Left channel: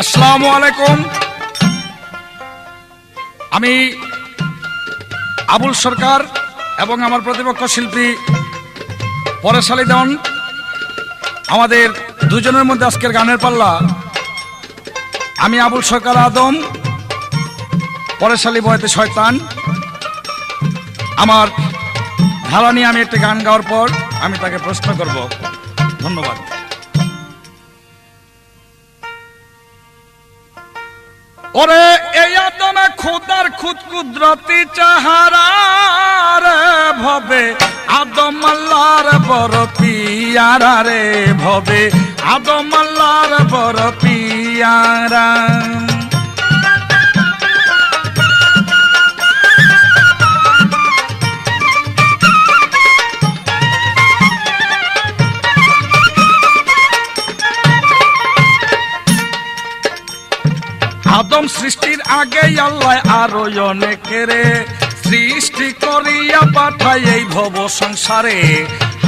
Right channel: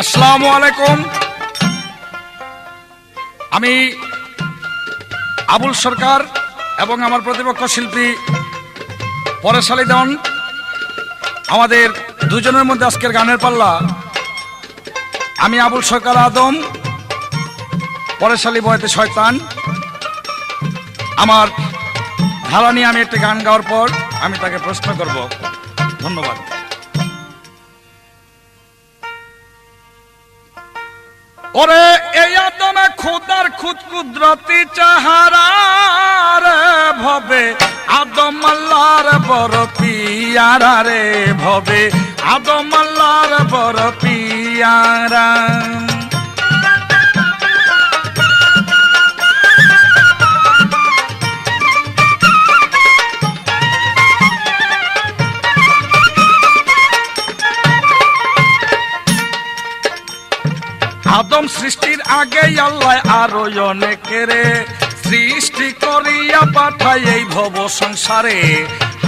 আসসালামু আলাইকুম। আমি আবুল সরকার এবং আমার প্রতিপক্ষ শিল্পী পরেশ আলী দেওয়ান, আমাদের দুজনের মধ্যে আজকের গানের পাল্লা। আমি আবুল সরকার আদম, পরেশ আলী বয়াতে শয়তান। আমার ধারা নিয়ে আমি একটি গান গাওয়ার পর আমি তাকে প্রশ্ন করব। ধন্যবাদ। ওরে এই আদমে খুদার খুদ কুদরতি চাহারার ভবে আদম আল্লাহর বড় পিয়ারা রে, ভবে আদম আল্লাহর বড় পিয়ারা। আদম সৃষ্টির আগে আল্লাহ আরো অনেকেরে সৃষ্টি করিয়া পাঠাই এই ভব সংসারে।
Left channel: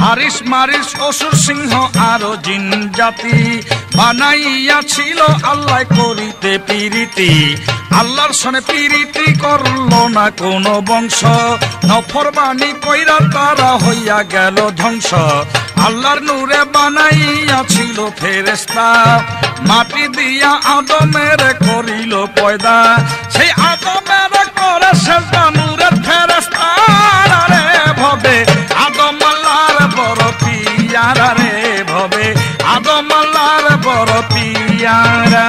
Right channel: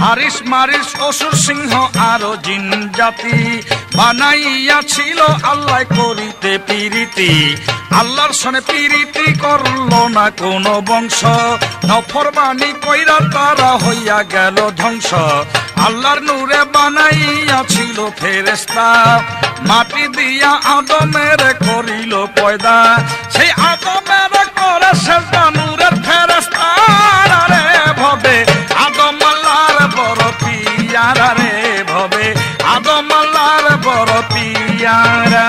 হারিস মারিস অসুর সিংহ আরো জিন জাতি বানাইয়াছিল আল্লাহ করিতে পিরিতি। আল্লাহর সনে পিরিতি করলো না কোন বংশ, নফরমানি কইরা তারা হইয়া গেল ধ্বংস। আল্লাহর নূরে বানাইয়াছিল ফেরেশতা, মাটি দিয়া আদমের করিল পয়দা। সেই আদমের করে সেজদা নূরের ফেরেশতা রে, ভবে আদম আল্লাহর বড় পিয়ারা রে, ভবে আদম আল্লাহর বড় পিয়ারা।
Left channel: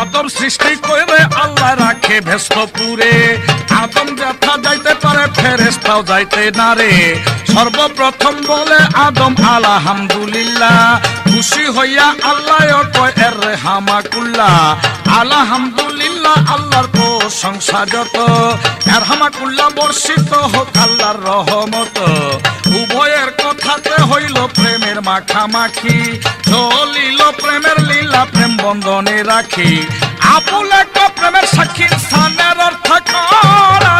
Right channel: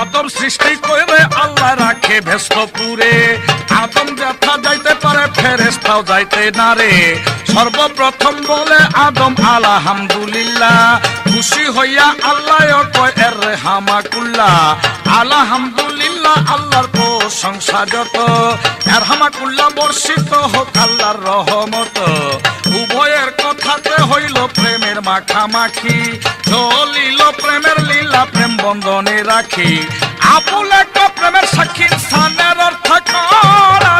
আদম সৃষ্টি করে আল্লাহ রাখে ভেস্টপুরে। আদম ব্যথা যাইতে পারে ফেরেশতাও যাইতে না রে। সর্বপ্রথম বলে আদম আলহামদুলিল্লাহ, খুশি হইয়া আল্লাহ কয় এর হামাকুল্লাহ। আলহামদুলিল্লাহ আল্লাহর প্রশংসা যত, এর হামাকুল্লাহ বর্ষিত হোক আল্লাহর রহমত। উভয়ের কথাতে হইল প্রেমের মাখামাখি, চলিল প্রেমের লীলা প্রেম বন্ধনে রাখি। আবুল প্রেমের সাক্ষী স্থানের অর্থ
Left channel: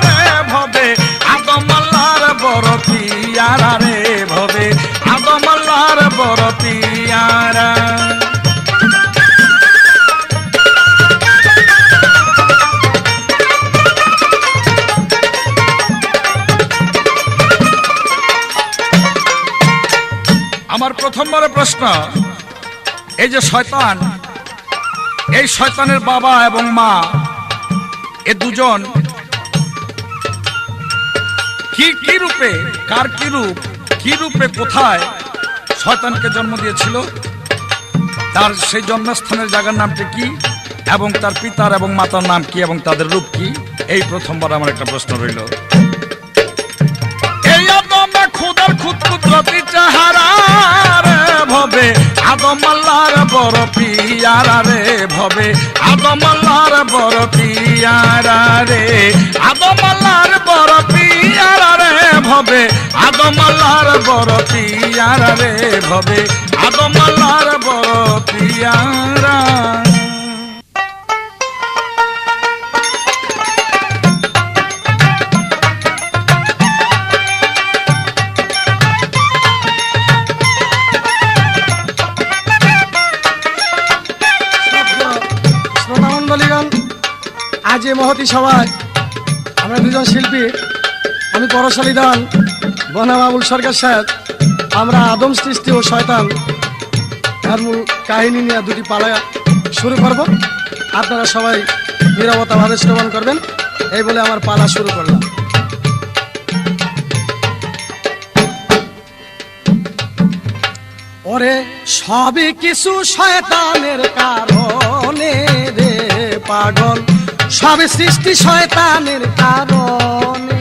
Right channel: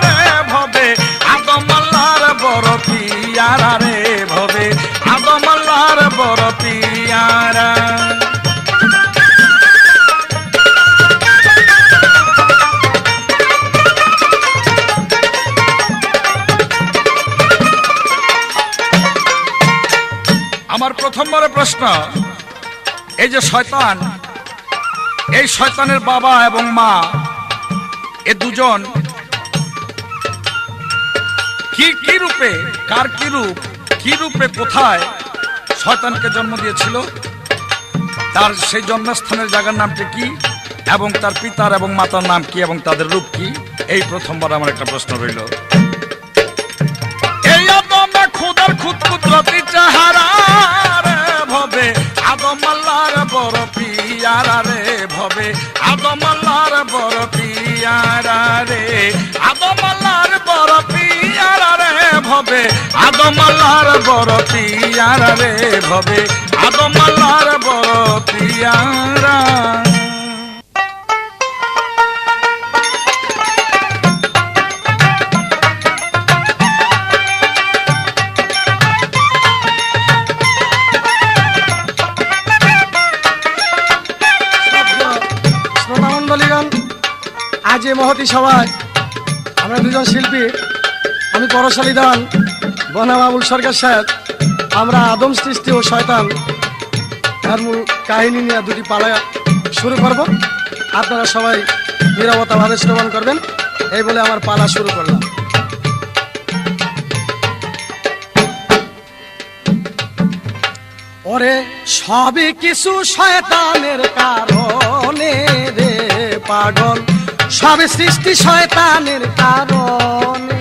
রে, ভবে আদম আল্লাহর বড় পিয়ারা রে, ভবে আদম আল্লাহর বড় পিয়ারা। আমার প্রথমবারের প্রশ্ন, এই যে শয়তান, এই শয়তানের বাবা এবং মা এ দুজন কি রূপে, কার কি রূপে কোথায় শয়তানকে জন্ম দিয়েছিল, তার সেই জন্মস্থানের জায়গার নামটি কি, এবং তার পিতার এবং মাতার নাম কি এবং তাদের রূপ কি? এই প্রথমবার আমার একটা প্রশ্ন রইল। এই আদম খুদার খুদ কুদরতি চাহারা রে, ভবে আদম আল্লাহর বড় পিয়ারা রে, ভবে আদম আল্লাহর বড় পিয়ারা রে, আদম আল্লাহর বড় পিয়ারা রে, ভবে আদম আল্লাহর বড় পিয়ারা রে, ভবে আদম আল্লাহর বড় পিয়ারা। আজ এই মহতি সভায় আমরা দুজন শিল্পী, আমি পরেশ আলী দেওয়ান, বনাম আবুল সরকার সাহেব, আমরা আদম সৃষ্টি ও শয়তান এর মূল কাহিনী নিয়ে দুটি পালা শুরু করব। আপনারা সবাই নীরবতা ভাবে শ্রবণ করবেন, এই বলে আমার পালা শুরু করলাম। ওরে সবই কিছু শয়তানের কারণে রে পাগল, সব সৃষ্টি শয়তানের কারণে।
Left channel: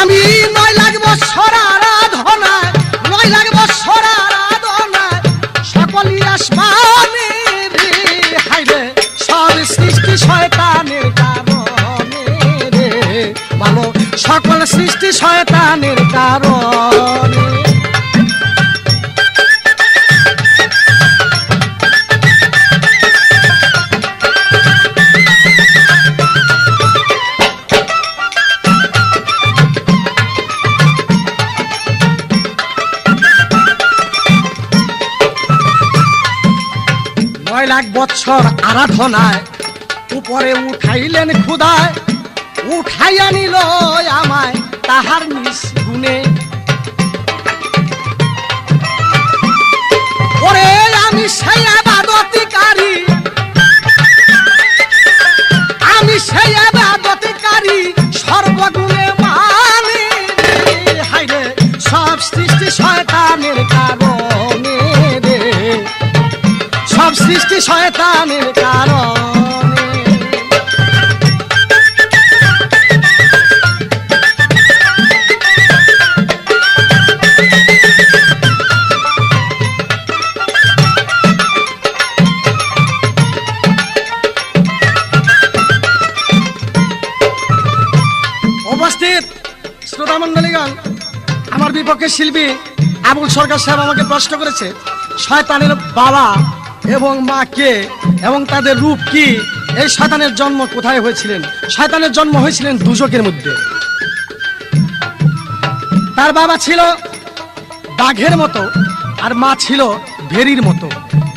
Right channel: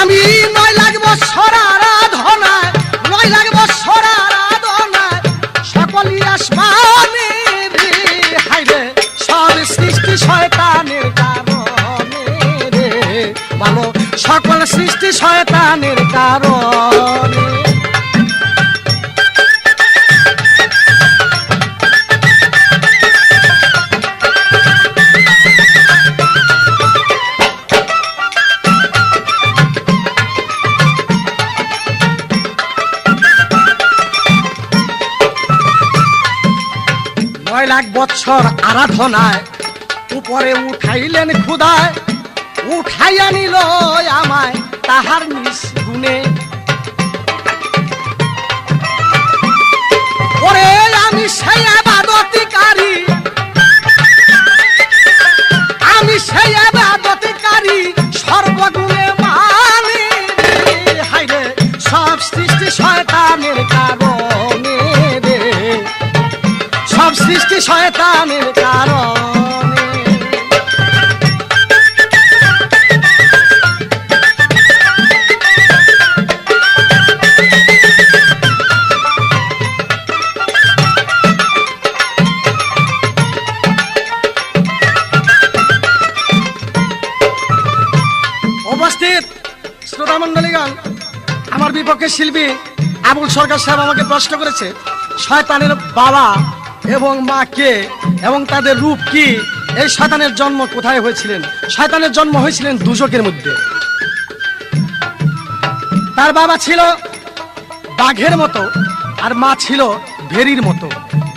আমি 9 লাখ বছর আরাধনায়, 9 লাখ বছর আরাধনায় সকলই আসমানে রে, হাইরে সব সৃষ্টি শয়তানের কারণে রে, ভালো সকল সৃষ্টি শয়তানের কারণে। 6 লাখ বৎসর আরাধনায় উপরে উঠাইলেন খুদায়, উঠাইয়া নিল আমায় তাহার নিজ গুণে। ওরে আমি সেই আবাদতিকারী, আমি সেই আবাদতিকারী সর্বগুণে মানে। হাইরে সব সৃষ্টি শয়তানের কারণে রে, সব সৃষ্টি শয়তানের কারণে। উপস্থিত শ্রোতা মন্ডলীগণ, আমার বিপক্ষে শিল্পী আবুল সরকার সাহেব আমাকে প্রশ্ন করেছে শয়তানের বাবা এবং মা কে এবং তাদের রূপ কি, এই শয়তানের জন্ম কোথায় হয়েছিলেন। শয়তানের জন্ম হয়েছিলেন দুজকের মধ্যে। তার বাবা ছিল বাঘের মতো আর মা ছিল ভেরির মতো।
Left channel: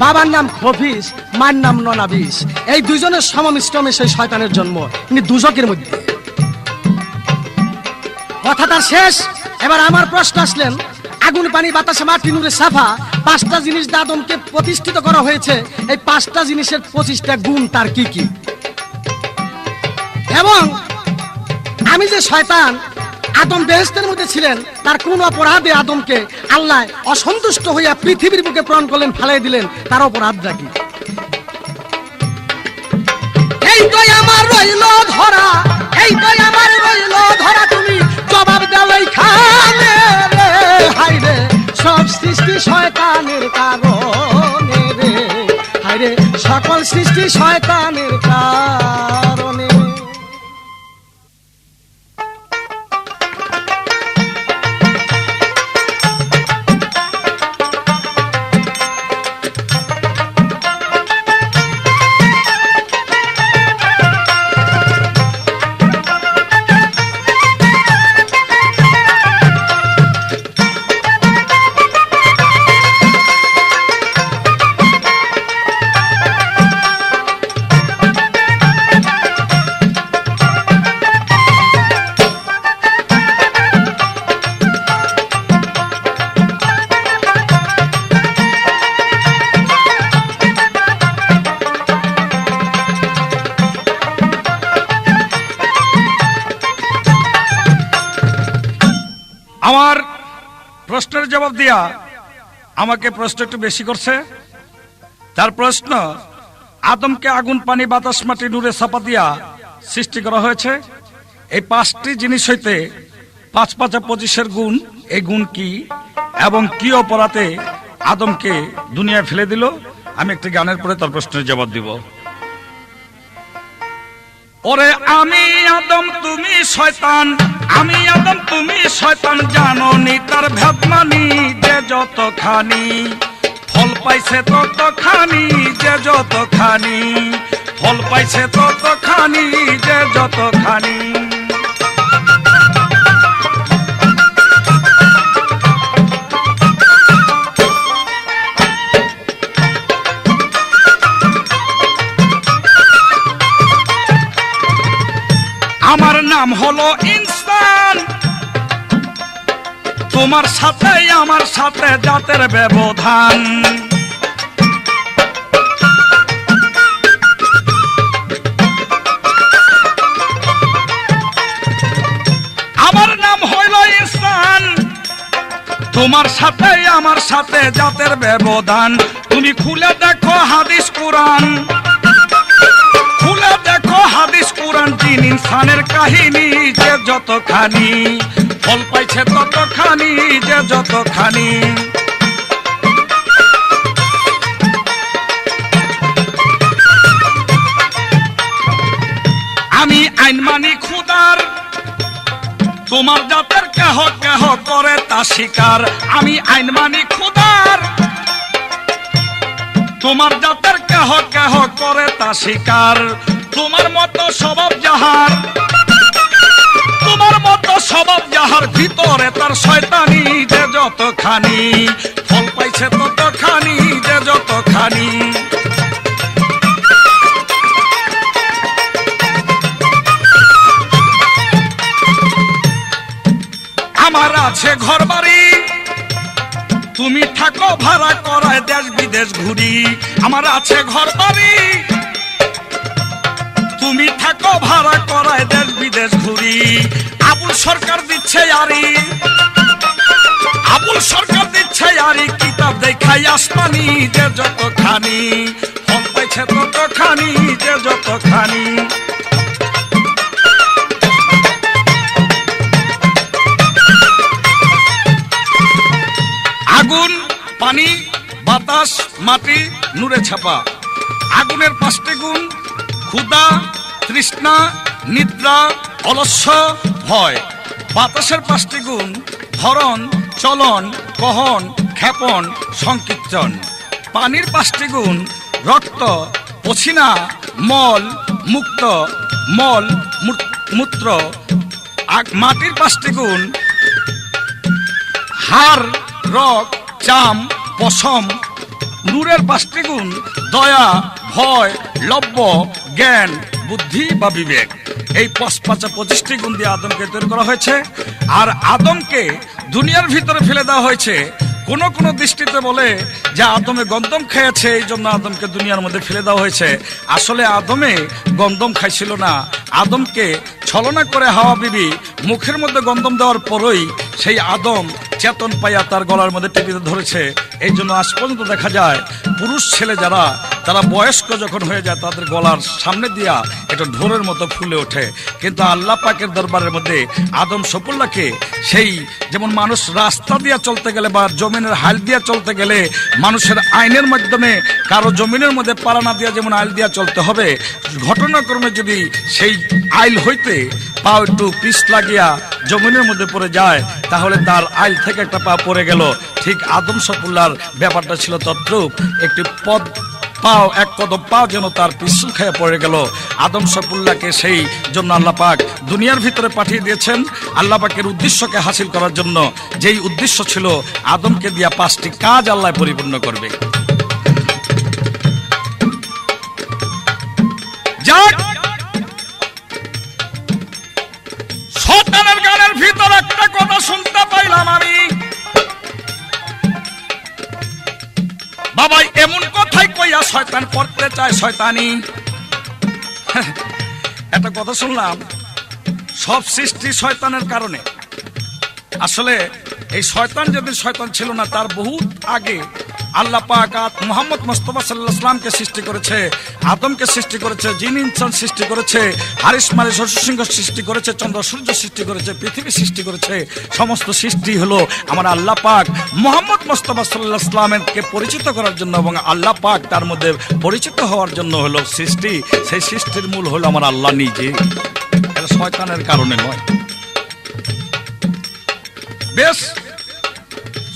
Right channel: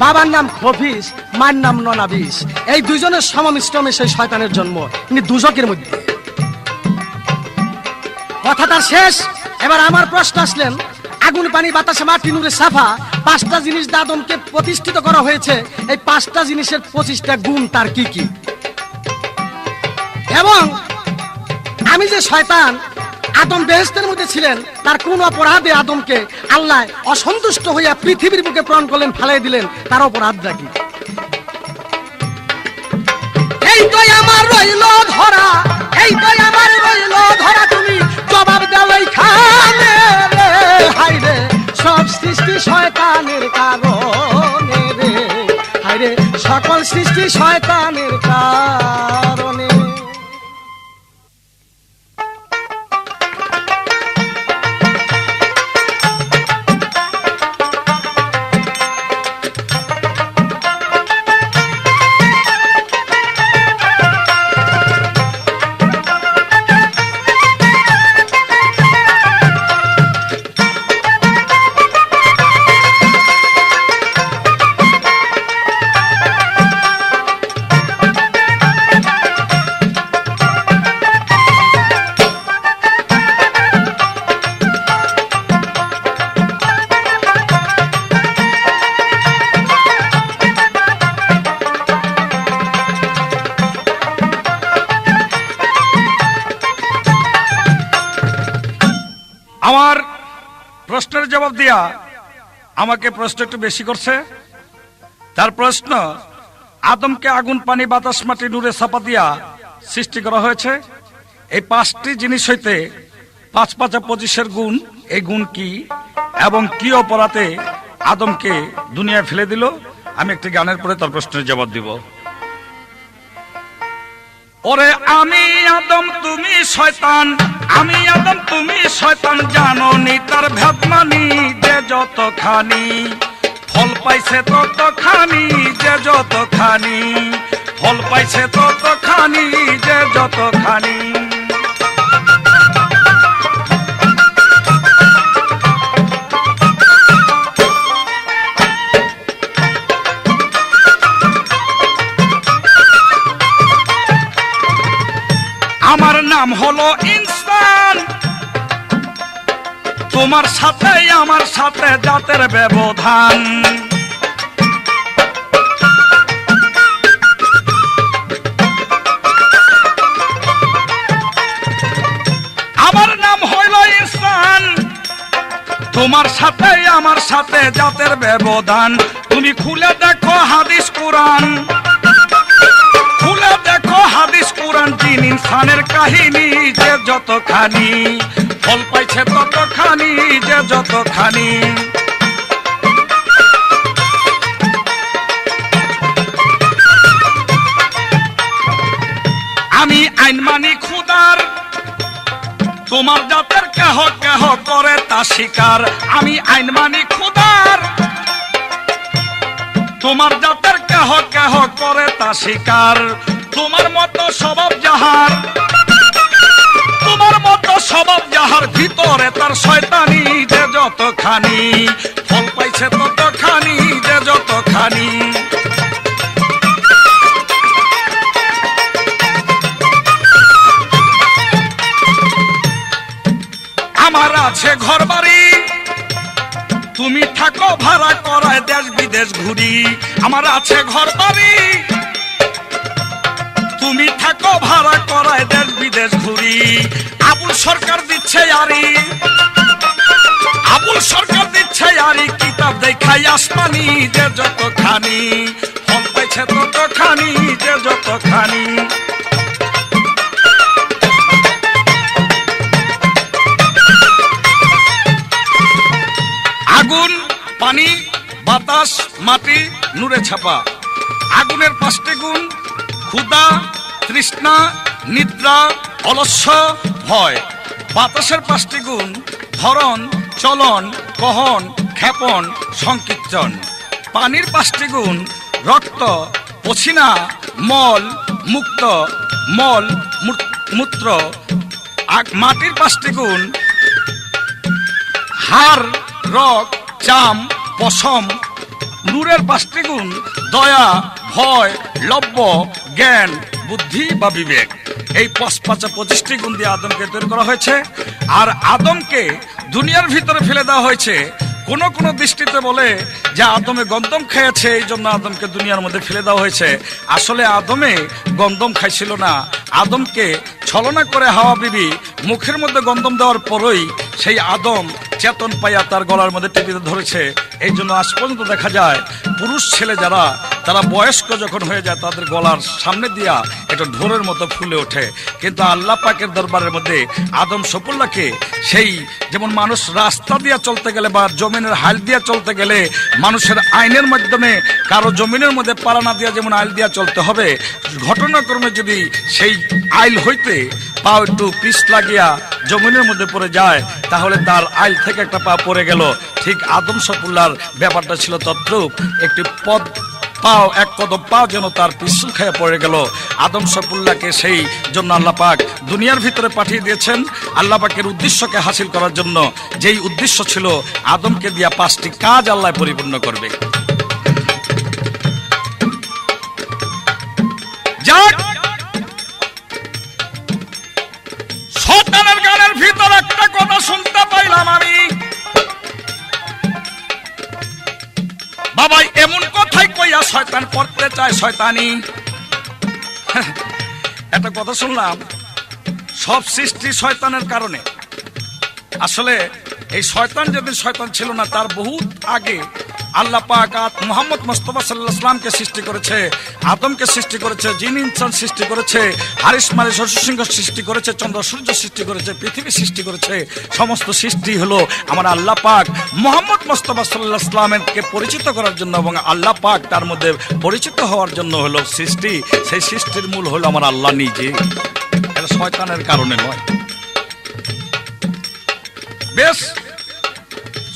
বাবার নাম খফিস, মার নাম ননাবিস। এই দুজনের সমমিশ্রমে সেই শয়তানের জন্ম, কিন্তু দুজকের মধ্যে। কথাটা শেষ। এবার আমার প্রশ্ন আসলেন, আগুন পানি বাতাসে মাটি নূরে সাফা, 5টা জিনিস আদমকে প্রতিষ্ঠিত করা হয়েছে। এই 5টা জিনিসের 25টা গুণ তার কি কি? এবং আমি যে শয়তান, আদম বেহেশতের মধ্যে ছিলেন, তার কোন অপরাধে আদমকে আল্লাহ অসন্তুষ্ট হইয়া পৃথিবীর বুকে প্রেরণ করলেন, ফালাই দিলেন, তার অপরাধটা কি? এই তো আমার রইল ধরা, এই তো আমার রইল ধরা, তুমি জবাব দাও এইখানে রে। হাইরে সব সৃষ্টি শয়তানের কারণে রে, হাইরে সকল সৃষ্টি শয়তানের কারণে। আমার প্রশ্নের জবাব দিয়া আমাকে প্রশ্ন একটু বেশি করছে। তার প্রশ্ন, আদমকে আগুন পানি বাতাস মাটি নূরে ছাপা দিয়া সৃষ্টি করা হয়েছে। এই 5টি জিনিস হইতে 5 5 25 গুণ, এই গুণ কি এবং কি অপরাধে আদমকে দুনিয়া ফেলে দিল? আমি একটি গানের পরে তার প্রশ্নের জবাব দিব। ওরে আমি আদম তুমি শয়তান, আমি আদম তুমি শয়তান, জানো নি তার ভেদমানি যে যতখানি, ফল পাইছে ততখানি যে যতখানি, ফল পাইছে ততখানি যে যতখানি। আমার নাম হলো ইনসান, তোমার সাথে আমার সাথে জাতের ব্যবধান। আমার নাম হইল ইনসান, তোমার সাথে আমার সাথে জাতের ব্যবধান। তুমি খুলে দেখো হাদিস কোরআন, খুলে দেখো হাদিস কোরআন, জিন ইনসানের কাহিনী যে যতখানি, ফল পাইছে ততখানি যে যতখানি। আমি আইন মানি খুদার, তোমার জাতের কেহ কেহ করে তা স্বীকার। আমি আইন মানি খুদার, তোমার জাতের কেহ কেহ করে তা স্বীকার। তোমার মতো স্বভাব যাহার, তোমার মতো স্বভাব যাহার, ভিতরে তার শয়তানি যে যতখানি, ফল পাইছে ততখানি যে যতখানি। আছে ঘর বাড়ি, তুমি থাকো ভাড়া করায় দেশ বিদেশ ঘুরি। আমার আছে ঘর বাড়ি, তুমি থাকো ভাড়া করায় দেশ বিদেশ ঘুরি। আবুল সরকার দিচ্ছে আরি, আবুল সরকার দিচ্ছে আরি, কিতাব দেখাই আসমানি যে যতখানি, ফল পাইছে ততখানি যে যতখানি। আগুন, পানি, বাতাস, মাটি, নূরে ছাপা। আগুনের 5টি গুণ: ক্ষুধা, তৃষ্ণা, নিদ্রা, অলস্য, ভয়। বাতাসের 5টি গুণ: ধরন, চলন, কহন, ক্ষেপণ, সংকীর্তন। পানির 5টি গুণ: রক্ত, পছিনা, মল, মুক্ত, মল, মূত্র। মাটির 5টি গুণ: হাড়, রক, চাম, পশম। নূরের 5টি গুণ: দয়া, ভয়, লব্য, জ্ঞান, বুদ্ধি বা বিবেক। এই 25টি গুণ দিয়ে আদমকে তৈরি করা হয়েছে। আর আদমকে দুনিয়ার ভিতরে ফেলে দেওয়া হয়েছে। কোন কোন দৃষ্টিতে বলে যে আদমে গন্ধম খেয়েছে, এই জন্য আদমকে দুনিয়ার মধ্যে ফেলে দেওয়া হয়েছে। আসলে আদমে গন্ধম খাইছিল না। আদমকে ছলনা করে হাওয়া বিবি মুখের মধ্যে গন্ধম দেওয়ার পরই সেই আদম চেতন পাইয়া তার গলার মধ্যে টিপিতে ধরেছে। এই জন্য আজ পর্যন্ত দেখা যায় পুরুষ ছেলে যারা, তারা বয়স্ক যখন হয়ে যায় তাদের গলার সামনে দিয়া এটা ঢোলের মতো ফুলে ওঠে। কিন্তু আল্লাহ পাকের দরবারের মধ্যে আদম সফুল্লাহকে সেই, যেমন মানুষ রাস্তা দিয়া চলতে গেলে বা জমিনের হাল দিয়া চলতে গেলে মানুষের আইনের মাধ্যমে কারো জমিনের মধ্যে পালা না দিয়া যেমন আইল দিয়া চলতে হবে, ঘটনাক্রমে যদি সেই আইল হইতে পা একটু পিছ লাগিয়া জমিনের মধ্যে পড়ে যায় তাহলে তার আইল থেকে একটা পা পড়ে গেল। ঠিক আদম সফুল্লাহর ব্যাপারটা ছিল তদ্রূপ। একটি পদ পাও, এক কদম পাও যেন তার পিছু খেয়ে পড়ে গেল। আদম সফুল্লাহকে সেই জন্য আল্লাহ পাক দুনিয়ার ভিতরে পাঠিয়ে দিয়েছেন আল্লাহ পাকের উদ্দেশ্যকে হাসিল করার জন্য। যেই উদ্দেশ্য ছিল আদমকে দিয়া 5টি কাজ আল্লাহ পরিপূর্ণ করবে। যাক, শয়তানের গানের ভিতর একটা কথা শুনতে পাইলাম আমি, বাবা এমন কথাই কইয়া শয়তান করতে চায় শয়তানি। একটা কথা শুনলাম, সব সৃষ্টি শয়তানের কারণে। আসলে এই শয়তান যেদিন শয়তান ছিল না, তার বহুত আগে আল্লাহ পাক মুহাম্মদ মুস্তাফা সাল্লাল্লাহু আলাইহি ওয়াসাল্লামকে সৃষ্টি করেছে, আদমকে সৃষ্টি করেছে, জিন ইনসান সৃষ্টি করেছে, হারিস মারিস সিংহ সৃষ্টি করেছে, চন্দ্র সূর্য সৃষ্টি করেছে, পৃথিবী সৃষ্টি করেছে। সমস্ত সৃষ্টি হলো আমার আল্লাহ পাক মুহাম্মদ মুস্তাফা সাল্লাল্লাহু আলাইহি ওয়াসাল্লামকে পরিচিত করার জন্য এবং আল্লাহ পাক তার মধ্যে পরিচিত হওয়ার জন্য হলো সৃষ্টি। সেই সৃষ্টির মূল হলো আমার আল্লাহ নিজে, এটা শয়তানের কারণে নয়। বেশ,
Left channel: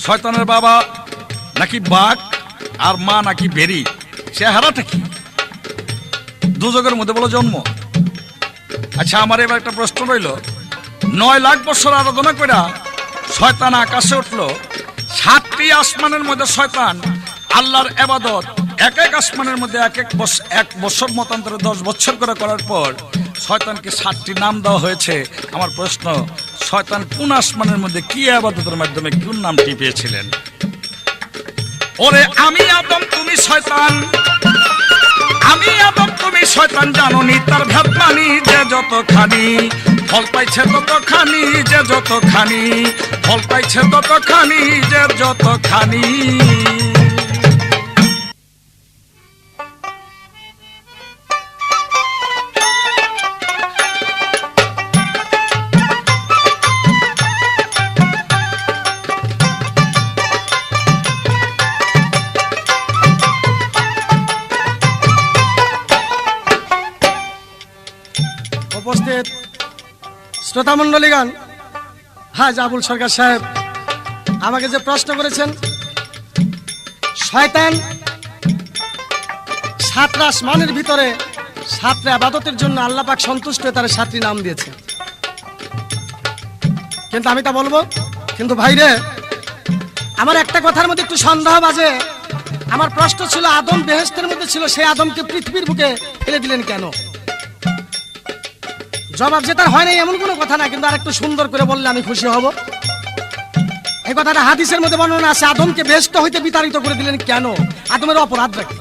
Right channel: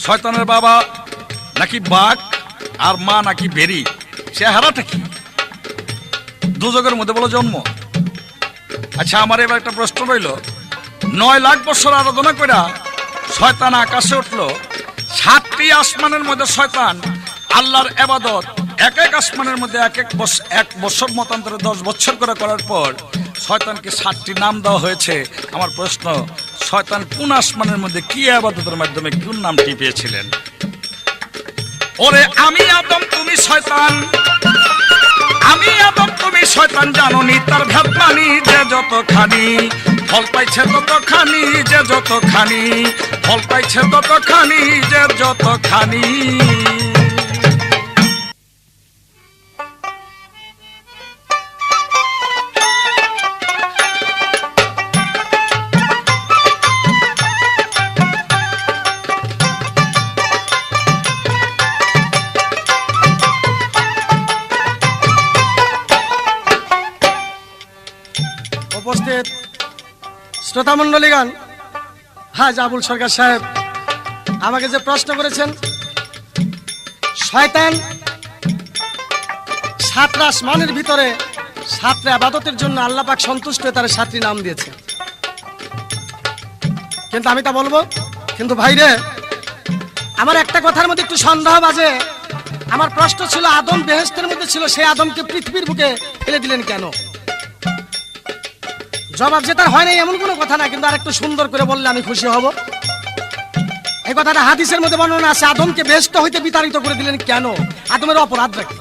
শয়তানের বাবা নাকি বাঘ আর মা নাকি বেরি, চেহারাটা কি? দুজকের মধ্যে বলো জন্ম। আচ্ছা, আমার এবার একটা প্রশ্ন রইল, 9 লাখ বছর আরাধনা কইরা শয়তান আকাশে উঠলো, 7টি আসমানের মধ্যে শয়তান আল্লাহর ইবাদত এক এক আসমানের মধ্যে এক বছর মতান্তরে 10 বছর করে করার পর শয়তানকে 7টি নাম দেওয়া হয়েছে। আমার প্রশ্ন, শয়তান কোন আসমানের মধ্যে কি ইবাদতের মাধ্যমে কোন নামটি পেয়েছিলেন? ওরে আমি আদম তুমি শয়তান, আমি আদম তুমি শয়তান, জানোনি তার ভেদ মানি যে যতখানি, ফল পাইছে ততখানি যে যতখানি, ফল পাইছে ততখানি যে যতখানি। উপস্থিত শ্রোতা মন্ডলীগণ, হাজ আবুল সরকার সাহেব আমাকে যে প্রশ্ন করেছেন, শয়তান 7 আসমানের ভিতরে 7টি ইবাদতের জন্য আল্লাহ পাক সন্তুষ্ট হয়ে তার 7টি নাম দিয়েছে। কিন্তু আমি তা বলবো, কিন্তু ভাইরে আমার একটা কথার মধ্যে একটু সন্দেহ বাজে। আমার প্রশ্ন ছিল, আদম বেহেশতের মধ্যে ছিল, সেই আদমকে পৃথিবীর বুকে ফেলে দিলেন কেন? জবাব যে তার হয় নাই এমন কোনো কথা না, কিন্তু আর একটু সুন্দর করে বললে আমি খুশি হব। এই কথাটা হাদিসের মধ্যে বর্ণনা আছে, আদমকে বেহেশত হইতে বিতাড়িত করে দিলেন কেন? আদমের অপরাধ রাখি।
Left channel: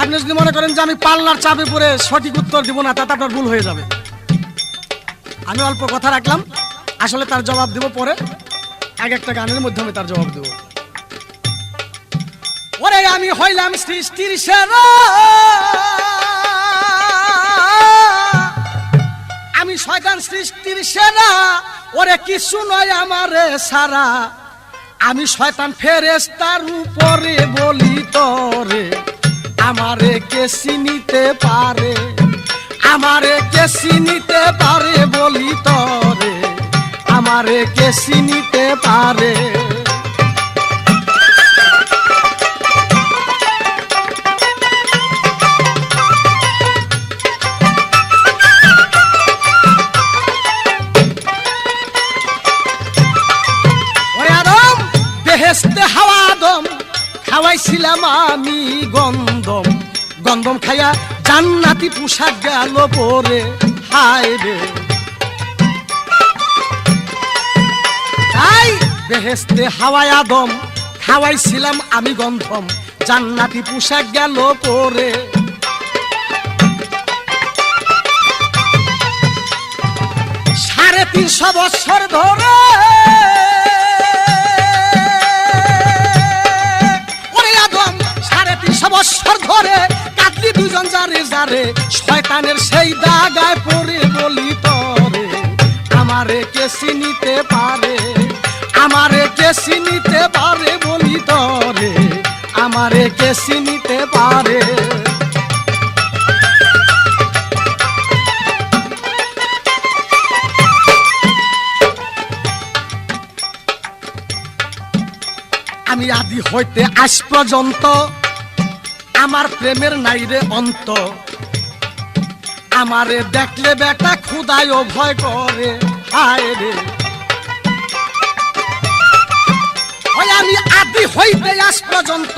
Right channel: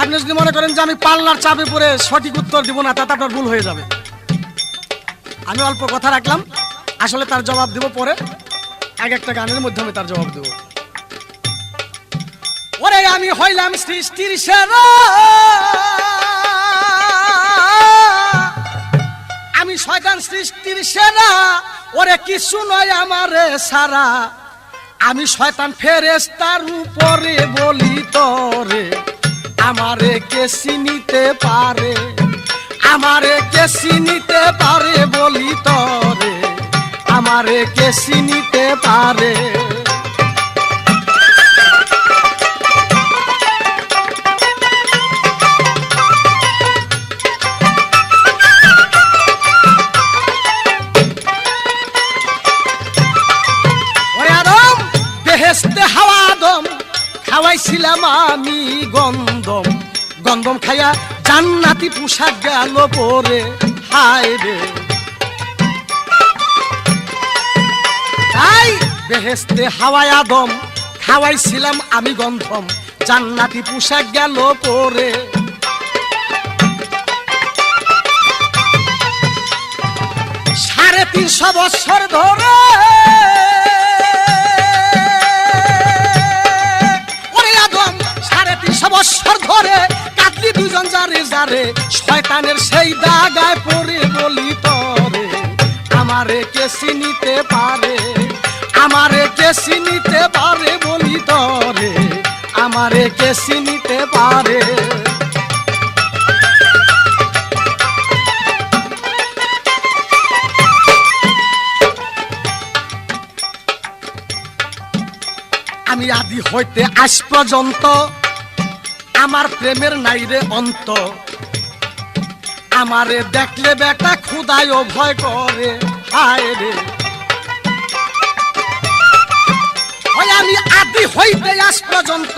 আপনি যদি মনে করেন যে আমি পাল্লার চাপে পড়ে সঠিক উত্তর দিব না, তাতে আপনার ভুল হয়ে যাবে। আমি অল্প কথা রাখলাম, আসলে তার জবাব দেব পরে, এক একটা গানের মধ্যে আমি তার জবাব দেব। ওরে আমি হইলাম সৃষ্টির সেরা, আমি শয়তান সৃষ্টির সেরা, ওরে কিছু নয় আমারে সারা, আমি শয়তান ফেরেশতার উপরে বলি তরে, আমারে কে চিনিতে পারে, আমারে কে চিনিতে পারে বলি তরে, আমারে কে চিনিতে পারে। বেহেশতে হাওয়া আদম খাওয়াইছিলাম আমি গন্ধম, গন্ধম খাইয়া জান্নাতি পোশাক গেল পরে, হায় রে। তাই বেহেশতে হাওয়া আদম খাওয়াইছিলাম আমি গন্ধম, জান্নাতি পোশাক গেল পরে। 350 বছর ধরে বছর ধরে কাটলি দুজন যারে যারে, শয়তানের সেই দাগায় পড়ে বলি তরে, আমারে কে চিনিতে পারে, আমারে কে চিনিতে পারে বলি তরে, আমারে কে চিনিতে পারে। আমি আদি হইতে আজ পর্যন্ত আমার প্রেমের নাই রে অন্ত, আমারে দেখলে বেটা খুদায় ভয় করে, হায় রে। আমি আদি হইতে আজ পর্যন্ত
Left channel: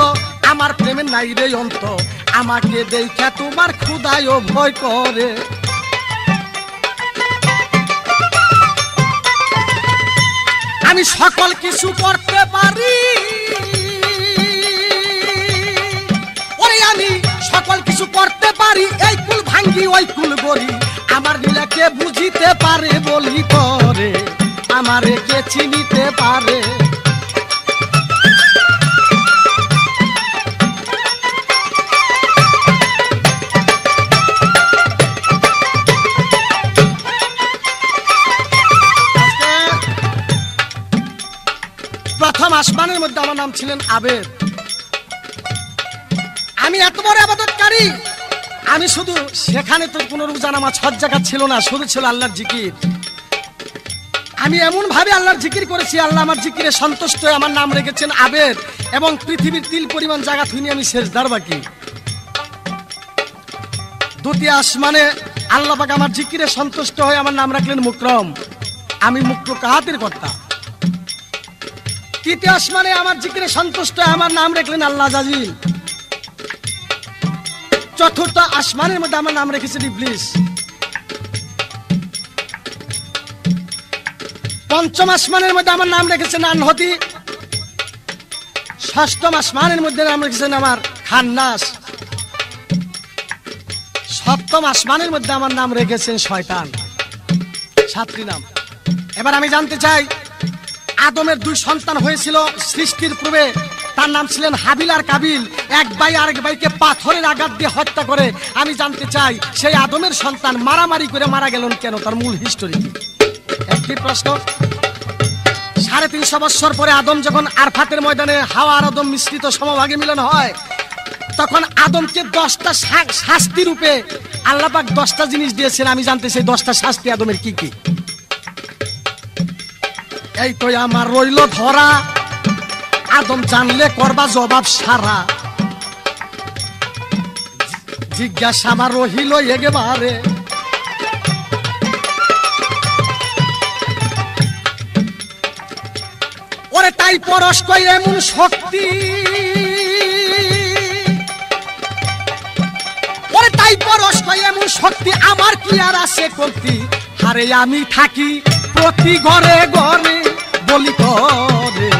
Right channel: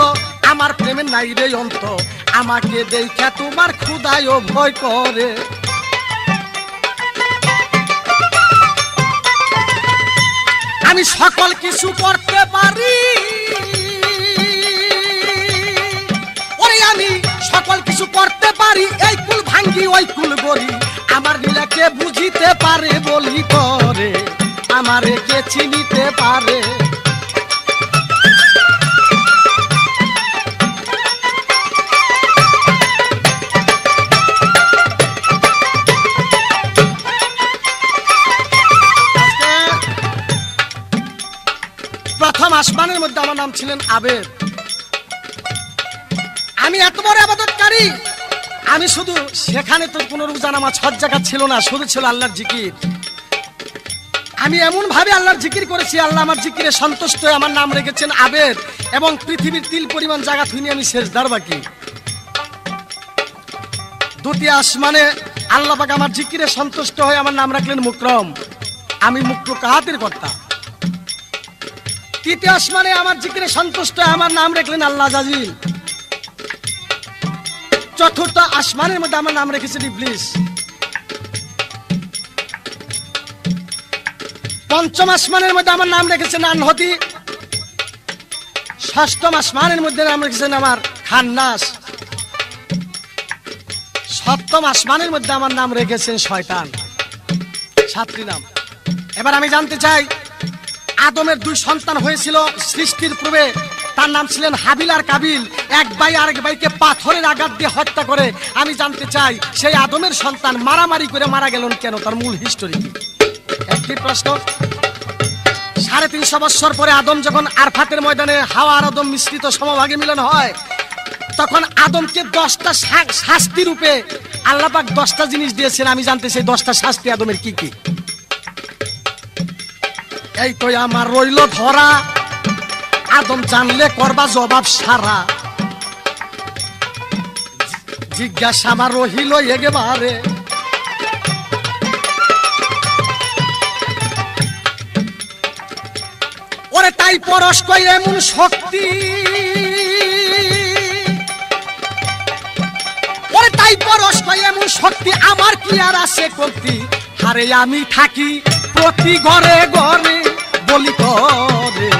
আমার প্রেমের নাই রে অন্ত, আমাকে দেখে তোমার খুদায় ভয় করে। আমি সকল কিছু করতে পারি, আমি সকল কিছু করতে পারি, এই কুল ভাঙ্গি ওই কুল গড়ি, আমার লীলাকে বুঝিতে পারে বলি করে, আমারে কে চিনিতে পারে। প্রথম আসমানের মধ্যে আমার নাম ছিলেন আবেদ। আমি এত বড় ইবাদতকারী, আমি শুধু সেখানে তো কোনো রোজা নামাজ হজ যাকাত ছিল না, শুধু ছিল আল্লাহর জিকির। আমি এমন ভাবে আল্লাহর জিকির করেছি, আল্লাহ আমার জিকিরে সন্তুষ্ট হয়ে আমার নাম রেখেছেন আবেদ, এবং পৃথিবীর তিল পরিমাণ জায়গা থুইনি আমি সেজদার বাকি। দুটি আসমানে আল্লাহ পাক আমার জিকিরে সন্তুষ্ট হয়ে আমার নাম রাখলেন মুকরম, আমি মুকরুকাহাতের কর্তা। তৃতীয় আসমানে আমার জিকিরে সন্তুষ্ট হয়ে আমার নাম রাখলেন আল্লাহ জাজিল। চতুর্থ আসমানের মধ্যে আমার নাম রেখেছেন ইবলিস। পঞ্চম আসমানের মধ্যে আমার নাম রেখেছেন আনহতি। ষষ্ঠম আসমানের মধ্যে নাম রেখেছেন আমার খান্নাস। সপ্তম আসমানের মধ্যে আমার নাম রেখেছেন শয়তান। 7টি নাম। এবার আমি জানতে চাই, আদমের 2 সন্তান হয়েছিল সৃষ্টির পূর্বে, তার নাম ছিলেন হাবিল আর কাবিল। এক ভাই আরেক ভাইকে পাথরের আঘাত দিয়ে হত্যা করে। আমি জানতে চাই, সেই আদমের সন্তান মারামারি করে মারা গেলেন কেন, তার মূল হিস্টোরি কি? একই প্রশ্ন। 350 বছর পরে আদম যখন আরফাতের ময়দানে হাওয়া আর আদম মিশ্রিত সমভাগে মিলন হয়, তখন আদমকে 10টা শাস্তি রূপে আল্লাহ পাক 10টা জিনিস দিয়েছেন। আমি জানতে চাই 10টা শাস্তি আদমের কি কি? এই তো আমার রইল ধরা, আদম জানলে করবা জবাব সারা, জিজ্ঞাসা আমার রহিল একেবারে। ওরে তাই পরশ কই এমন শক্তি, ওরে তাই পরশ কই এমন শক্তি, আমার কি আর আছে কমতি? আরে আমি থাকি প্রতি ঘরে ঘরে, বলি করে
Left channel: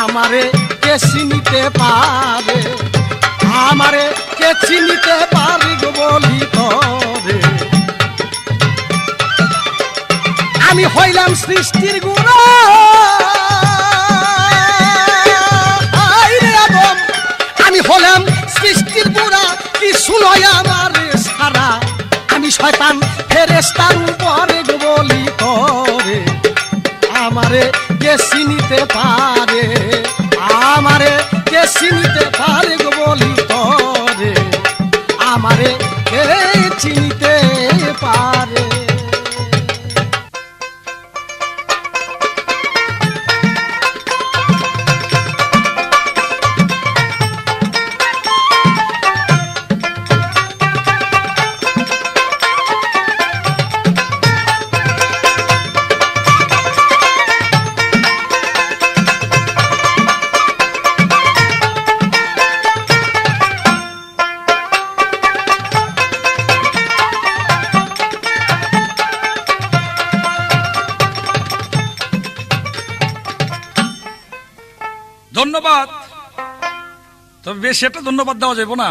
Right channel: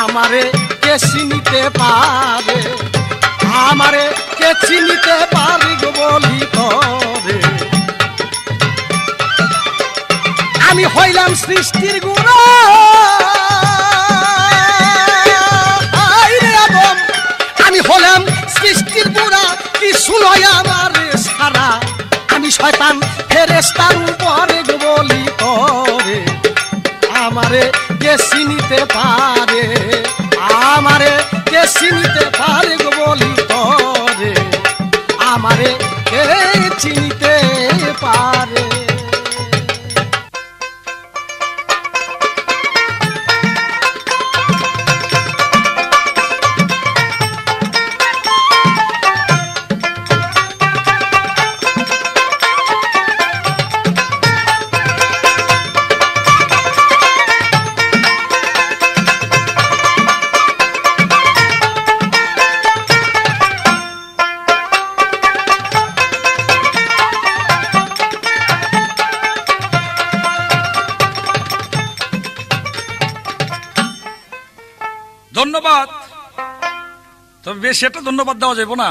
আমারে কে চিনিতে পারে, আমারে কে চিনিতে পারে গো বলি করে। আমি হইলাম সৃষ্টির গুণা, আমি হলাম সৃষ্টির গুণা, কি শুনয় আমার সারা। আমি শয়তান ফেরেশতার উপরে গো বলি করে আমারে কে চিনিতে পারে, আমারে কে চিনিতে পারে গো বলি করে আমারে কে চিনিতে পারে। ধন্যবাদ। তবে বেশি একটা ধন্যবাদ দেওয়া যাবে না,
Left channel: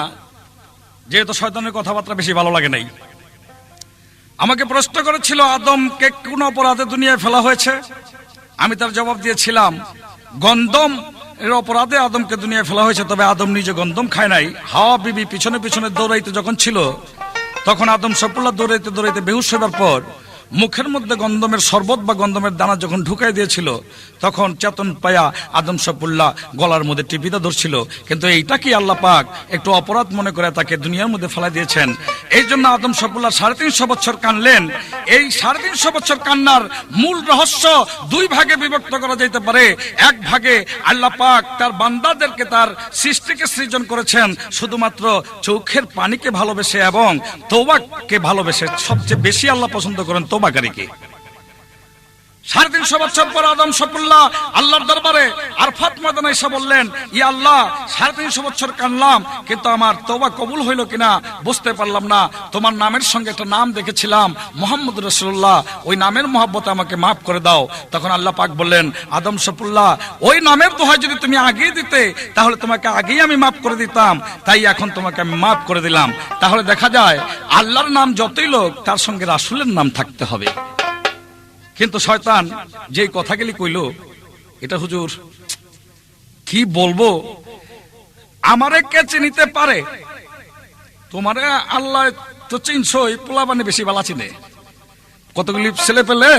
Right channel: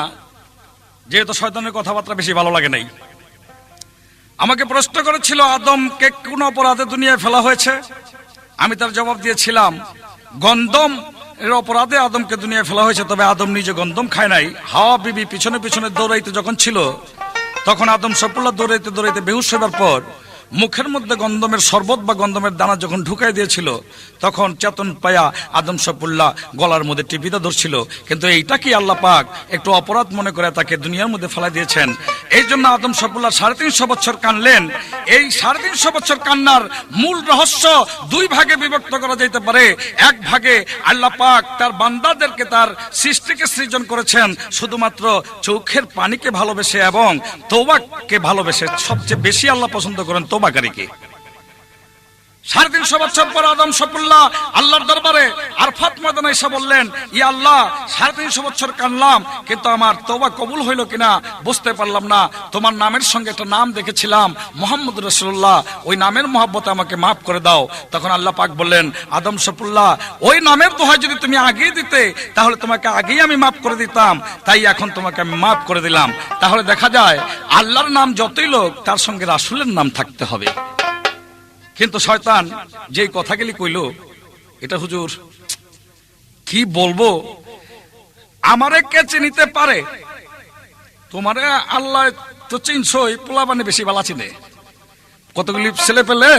যেহেতু শয়তানের কথাবার্তা বেশি ভালো লাগে নাই। আমাকে প্রশ্ন করেছিল আদমকে কোন অপরাধে দুনিয়ায় ফেলা হয়েছে। আমি তার জবাব দিয়েছিলাম গন্ধম এর অপরাধে আদমকে দুনিয়ায় ফেলা হয়েছে। তবে আদম নিজে গন্ধম খায় নাই। হাওয়া বিবি পিছনে পিছনে দৌড়াইতে যখন ছিল, তখন আদম সফুল্লাহ দৌড়াইতে দৌড়াইতে বেহুশ হবার পর মুখের মধ্যে গন্ধমের শরবত বা গন্ধমের দানা যখন ঢুকাই দিয়েছিল, তখন চেতন পায়া আদম সফুল্লাহ গলার মধ্যে টিপিটা ধরছিল। কিন্তু এইটা কি আল্লাহ পাক একটু অপরাধ মনে করে তাকে দুনিয়ার মধ্যে ফেলাই দিয়েছেন। এই জন্য আদম সফুল্লাহ 350 বছর কানলেন। এই 350 বছর কান্নার মূল রহস্য দুই ভাগে বিভক্ত করা যেতে পারে। এক ভাগে আল্লাহ পাক তার বান্দাদেরকে, তার সৃষ্টিকে সৃজন করেছেন শুধুমাত্র চোখের পানিকে ভালোবেসে এবং তওবাকে ভালোবেসে। সবচেয়ে বেশি আল্লাহ পছন্দ করেন তওবাকারীকে। 350 বছর পর আদম সফুল্লাহ আল্লাহর দরবারে আরফাত ময়দানে এসে বললেন, ইয়া আল্লাহ 350 বছর কানলাম, কিন্তু আমার তওবা কবুল হইল কিনা বুঝতে পারলাম না। তোমার নামের সঙ্গে একটা নাম দেখেছিলাম মুহাম্মদ রাসূলুল্লাহ, ওই নামের মহব্বতে আমাকে মাফ করে দাও। তখন আল্লাহ পাক বললেন, আদম সফুল্লাহ ওই নামের দোহাই যদি তুমি আগেই দিতে তাহলে তোমাকে আগেই আমি মাফ করে দিতাম, তাই এখন তোমাকে আমি মাফ করে দিলাম। তাহলে দেখা যায় আল্লাহর নাম যতই লোক, তার সঙ্গে রাসূলের নাম থাকতে হবে। কিন্তু শয়তান যেই কথাগুলি কইল, এটা হুজুর কি বলবো, আমারে কে চিনিতে পারে। তোমারে আল্লাহ তো চিনছই, পোলা বানে বেশি বালা চিনে। কতগুলি ছেলে পেলে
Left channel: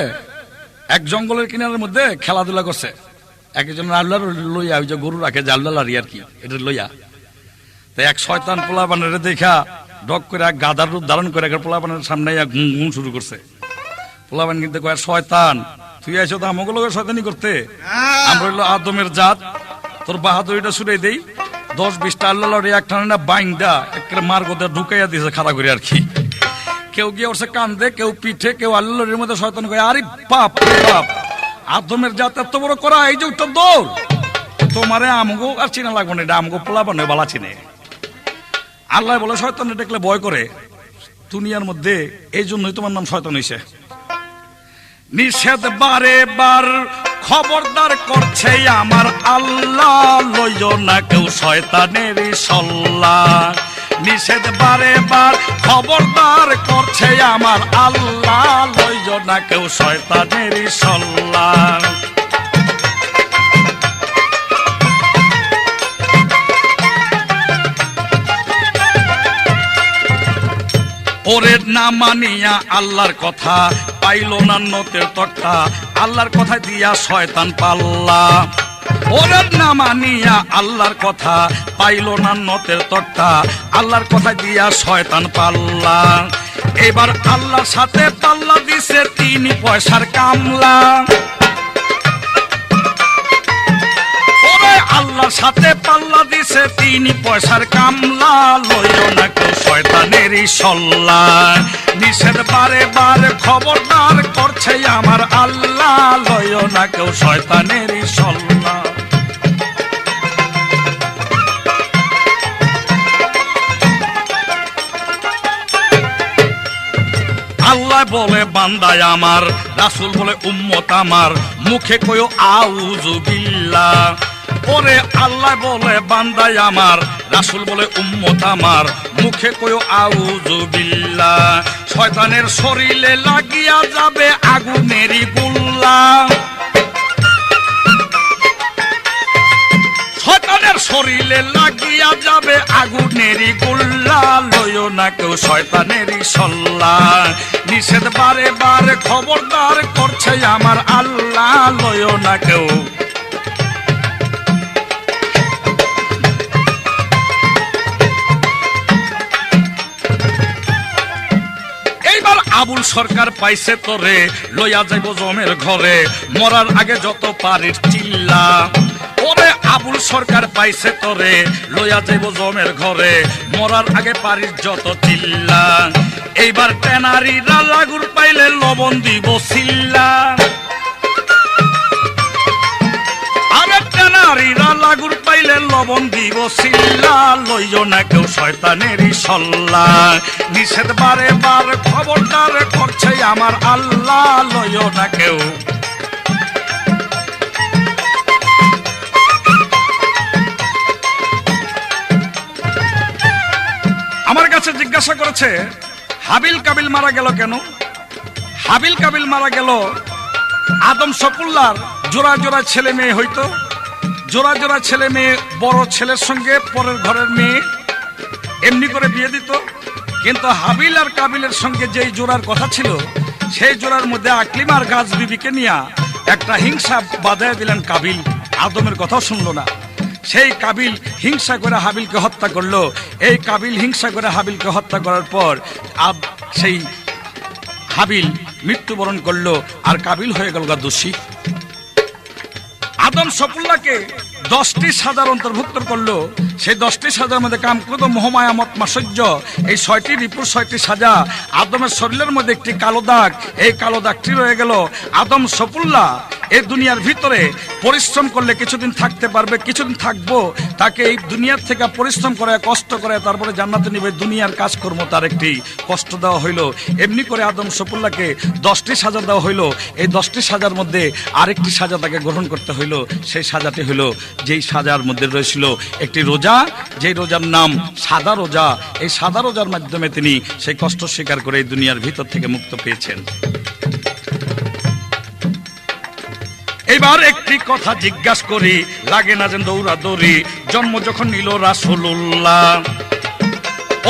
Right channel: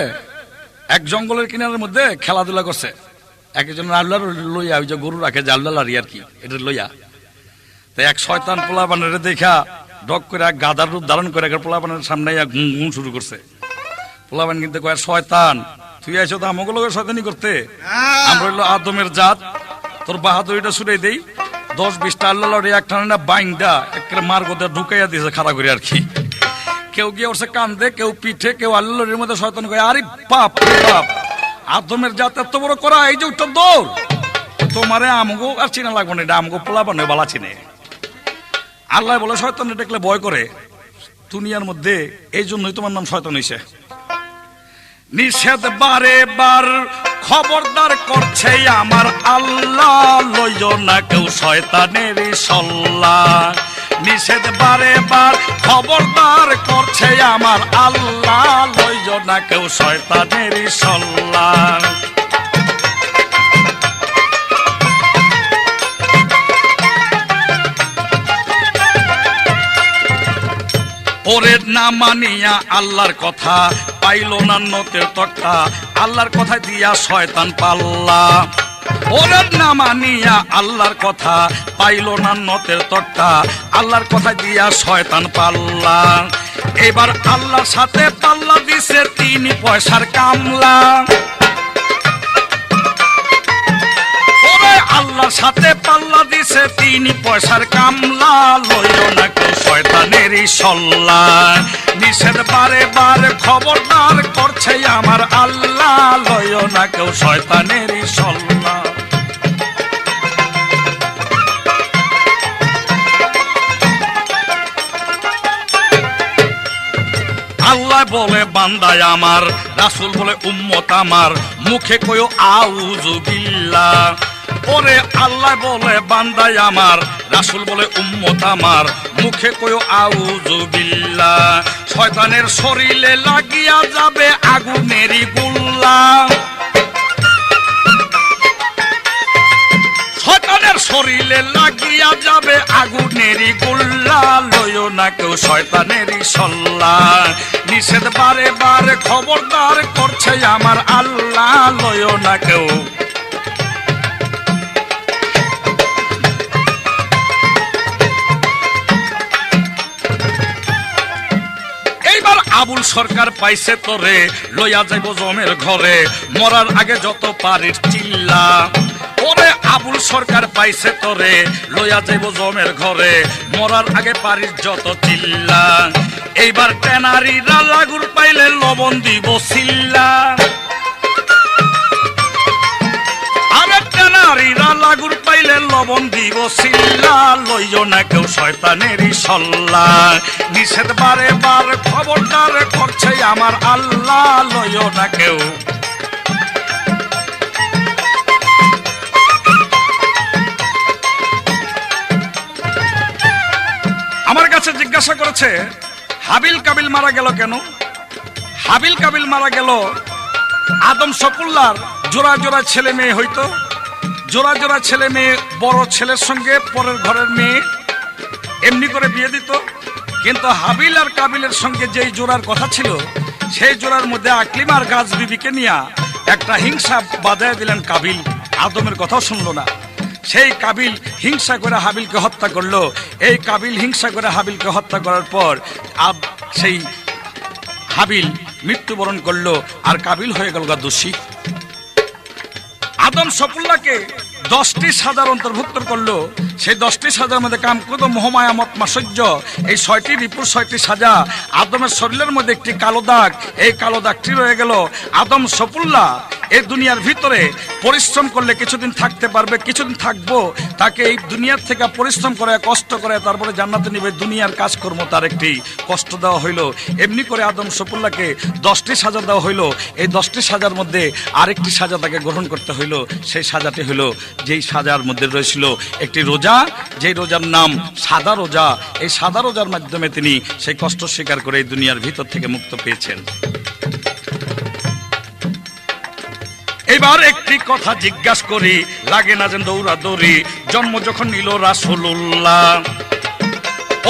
এক জঙ্গলের কিনারের মধ্যে খেলাধুলা করছে। একজন আল্লাহর লইয়া, ওই যে গরু রাখে যে আল্লাহ আর কি, এটা লইয়া। তাই এক শয়তান পোলা বানের দেখা ডক করে এক গাদার রূপ ধারণ করে পোলা বানের সামনে গুন শুরু করছে। পোলাবান কিন্তু কয়, শয়তান তুই আইছো তো আমাকে লোকের শয়তানি করতে, আমরা হইলো আদমের জাত, তোর বাহাদুরিটা ছুড়ে দেই। 10-20টা আল্লাহ একটা না বাইংটা একটা মার গোদে ঢুকাইয়া দিয়েছে খাড়া করে আর কি। কেউ গিয়ে ওর কান্দে, কেউ পিঠে, কেউ আল্লাহর মধ্যে শয়তান কয়, আরে বাপ বাপ, আদমের জাত এত বড় করা, এই যে উত্তর দৌড়, তোমারে আমগো আর চিনা লাগবো না, এটা আমগো পোলাবান বালা চিনে। আল্লাহ বলে শয়তান দেখলে ভয় করে দুনিয়ার মধ্যে, এই জন্যই তোমার নাম শয়তান হইছে। নিষেধ বারে বার খবরদার করছে আমার আল্লাহ, লইও না কেউ শয়তানের সল্লা। নিষেধ বারে বার খবরদার করছে আমার আল্লাহ, লইও না কেউ শয়তানের সল্লা। ওরে না মানিয়া আল্লাহর কথা, পাইল না নতের তক্কা, আল্লাহর কথা দিয়া শয়তান পাল্লা। ওরে না মানিয়া আল্লাহর কথা, পাইল না নতের তক্কা, আল্লাহর কথা দিয়া শয়তান পাল্লা। এবার আল্লাহর সাথে পাল্লা দিছে 3 পয়সার কামলা। আল্লাহর সাথে পাল্লা দিছে 3 পয়সার কামলা, লইও না কেউ শয়তানেরই সল্লা। নিষেধ বারে বারে খবরদার করছে আমার আল্লাহ, লইও না কেউ শয়তানেরই সল্লা। আল্লাহ বলে বান্দায় আমার, রাসূল বলে উম্মত আমার, মুখে কয়ো আউযু বিল্লাহ। ওরে আল্লাহ বলে বান্দায় আমার, রাসূল বলে উম্মত আমার, মুখে কয়ো আউযু বিল্লাহ। শয়তানের শরীরে লাগিয়া যাবে আগুনেরই গোল্লা, শয়তানের শরীরে লাগিয়া যাবে আগুনেরই গোল্লা। লয়ো না কেউ শয়তানেরই সল্লা, নিষেধ বারে বারে খবরদার করছে আমার আল্লাহ। লয়ো না কেউ। এইবার আবুল সরকার পাইছে তোরে, লইয়া যাইব জমের ঘরে, মরার আগে যত পারিস চিল্লা। ওরে আবুল সরকার পাইছে তোরে, লইয়া যাইব জমের ঘরে, মরার আগে পারিস যত চিল্লা। এইবার টেনারিরা লাগুর পাইলে লবণ দিব চিল্লা, আরে টেনারিরা লাগুর পাইলে লবণ দিব চিল্লা। লইও না কেউ শয়তানেরই সল্লা, নিষেধ বারে বার খবরদার করছে আমার আল্লাহ। লইও না কেউ। আমার কাছে জিজ্ঞাসা করেছে হাবিল কাবিল মারা গেল কেন? হাবিল কাবিল মারা গেল, আদম সফুল্লার জোড়া জোড়া ছেলে মেয়ে হইতো, জোড়া জোড়া ছেলে মেয়ে বড় ছেলের সঙ্গে পরের ঘরের মেয়ে এমনি করে বিয়ে দিত। কিন্তু হাবিল আর কাবিলের সঙ্গে যেই জোড়ার কথা ছিল, সেই জোড়ার মধ্যে আকলিমার গাছ বিবিকে নিয়ে একটা হিংসা বাঁধাইয়া দিলেন কাবিল। আদমের কথাও শুনলো না। সেই কাবিল হিংসা করে হাবিলকে হত্যা করলো। এই কাবিল হিংসা করে হাবিলকে হত্যা করার পর সেই হাবিল মৃত্যুবরণ করলো, আর কাবিল হয়ে গেল দোষী। আদম সফুল্লাহকে 10টি সাজার অন্তর্ভুক্ত করলো। সেই 10টি সাজার মধ্যে কামক্রোধ মোহমায়া মত মাৎসর্য, এই 6টি রিপুর 6টি সাজা। আদমের শরীরের মধ্যে একটি কালো দাগ, এই কালো দাগটি রয়ে গেল। আদম সফুল্লাহ এই দুনিয়ার ভিতরে পরিশ্রম করলে কিছুদিন থাকতে পারবে, কিছুদিন থাকবো। তাকে এই দুনিয়ার থেকে পরিশ্রম করে কষ্ট করে তারপরে জান্নাতে নিবে, দুনিয়ার কাজকর্ম তার একটি কষ্ট দেওয়া হইলো। এমনি করে আদম সফুল্লাহকে 10টি সাজা দেওয়া হইলো। এই 10টি সাজার মধ্যে আরেকটি সাজা তাকে গ্রহণ করতে হইলো। সেই সাজাটি হইলো, যেই সাজার মধ্যে রয়েছিল একটি রোজা, যেই রোজার নাম সাদা রোজা। এই সাদা রোজার মাধ্যমে তিনি সেই কষ্ট স্বীকার করে এই দুনিয়ার ভিতর থেকে মুক্ত পেয়েছেন। এবার একটি কথা জিজ্ঞাসা করি, লাগে না যেন দৌড়াদৌড়ি, জন্ম যখন নিল রাসূলুল্লাহ।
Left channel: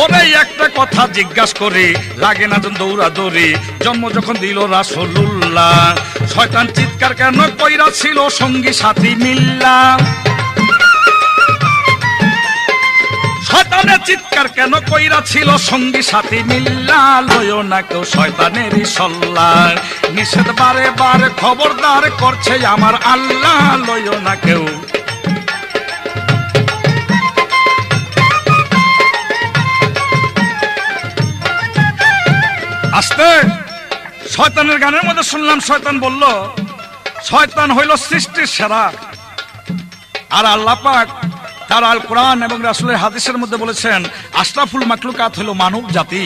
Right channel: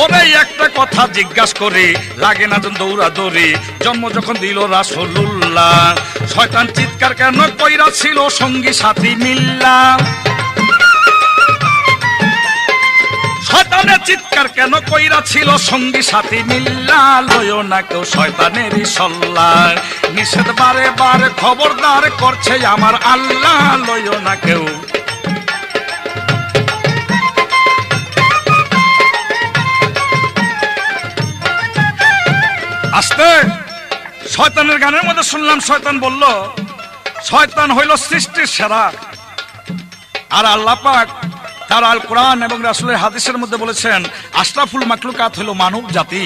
ওরে একটা কথা জিজ্ঞাসা করি, লাগে না যেন দৌড়াদৌড়ি, জন্ম যখন দিল রাসূলুল্লাহ। শয়তান চিৎকার কেন কইরা ছিল সঙ্গী সাথী মিল্লা, শয়তানের চিৎকার কেন কইরা ছিল সঙ্গী সাথী মিল্লা। লয়ো না কেউ শয়তানেরই সল্লা, নিষেধ বারে বারে খবরদার করছে আমার আল্লাহ। লয়ো না কেউ। আস্তে শয়তানের গানের মধ্যে শুনলাম, শয়তান বলল শয়তান হইল সৃষ্টির সেরা, আর আল্লাহ পাক তার আল কোরআন এবং রাসূলের হাদিসের মধ্যে বলেছেন আশরাফুল মাখলুকাত হলো মানব জাতি।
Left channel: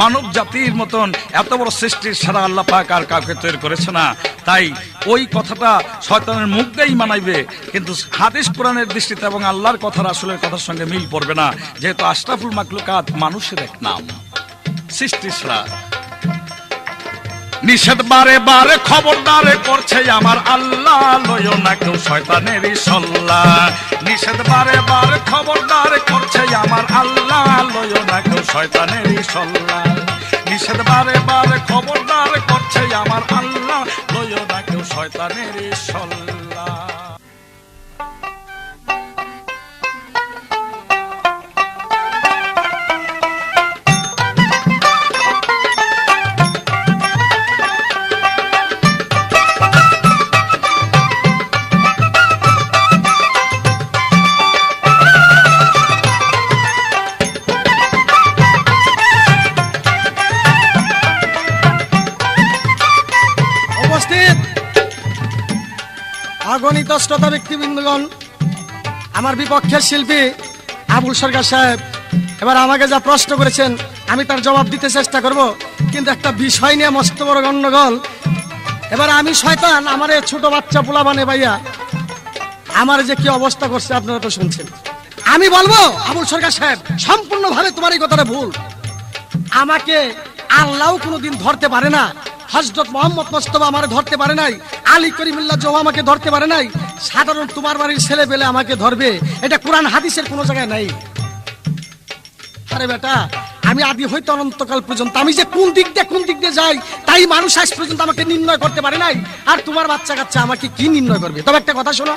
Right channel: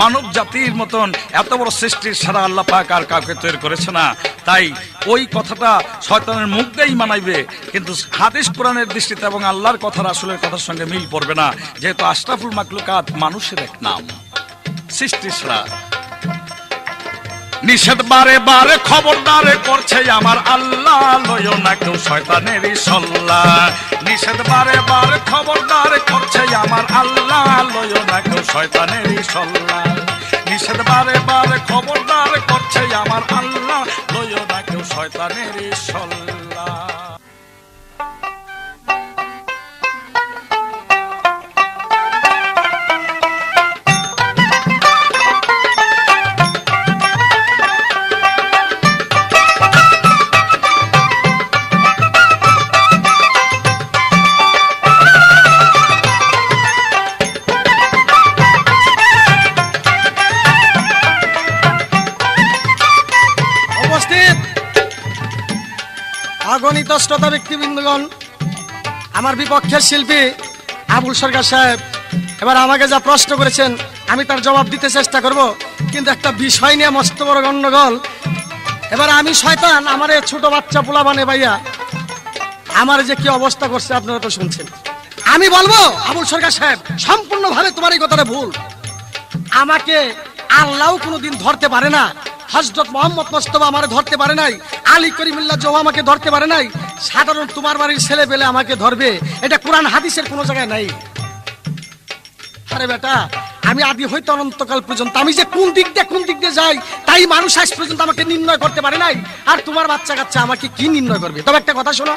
মানব জাতির মতন এত বড় সৃষ্টির সারা আল্লাহ পাক আর কাউকে তৈরি করেছে না। তাই ওই কথাটা শয়তানের মুখ দিয়েই মানাইবে, কিন্তু হাদিস কোরআনের দৃষ্টিতে এবং আল্লাহর কথা রাসূলের কথার সঙ্গে মিল পড়বে না, যেহেতু আশরাফুল মাখলুকাত মানুষের এক নাম, সৃষ্টির সেরা। নিষেধ বারে বারে খবরদার করছে আমার আল্লাহ। লয়ো না কেউ শয়তানেরই সল্লা, নিষেধ বারে বারে খবরদার করছে আমার আল্লাহ। লয়ো না কেউ শয়তানেরই সল্লা, নিষেধ বারে বারে খবরদার করছে আমার আল্লাহ। লয়ো না কেউ শয়তানেরই সল্লা। আগণিত শ্রোতা ব্যক্তিবৃন্দগণ, আমার বিপক্ষের শিল্পী আবুল সরকার সাহেব এবার আমাকে যা প্রশ্ন করেছেন আমি তার জবাব দিতে চেষ্টা করব, কিন্তু একটা বিষয় নিয়ে মস্ত বড় গন্ডগোল। এবার আমি শয়তান আমার এই ছোট বাচ্চা পোলাবানে ভাইয়া আমার যে কি অবস্থা করছে আপনারা তো শুনছেন। আমি বলবো আবুল সরকার সাহেব সম্পূর্ণভাবে তোমার এই কথাটা ভুল। আমাকে আল্লাহ কোনোদিন ধরতে পারে না, হযরত মুহাম্মদ মুস্তাফা আমারে ধরতে পারে নাই, আলী করিমুল্লাহ জোহা আমাকে ধরতে পারে নাই, সাধারণ তোমার বাড়ির ছেলে পেলে আমাকে ধরবে, এটা কোরআন হাদিসের কোনো জায়গায় নাই। আরে বেটা, আমি আদি হইতে অনন্তকাল পর্যন্ত আমি যে কোন দিক দিয়ে যাই তাই মানুষ আজ পর্যন্ত আমাকে নির্ণয় করতে পারে নাই, আর তোমার বাচ্চা কাচ্চা আমাকে কি নির্ণয় করবে? তবে একটা কথা শোনো,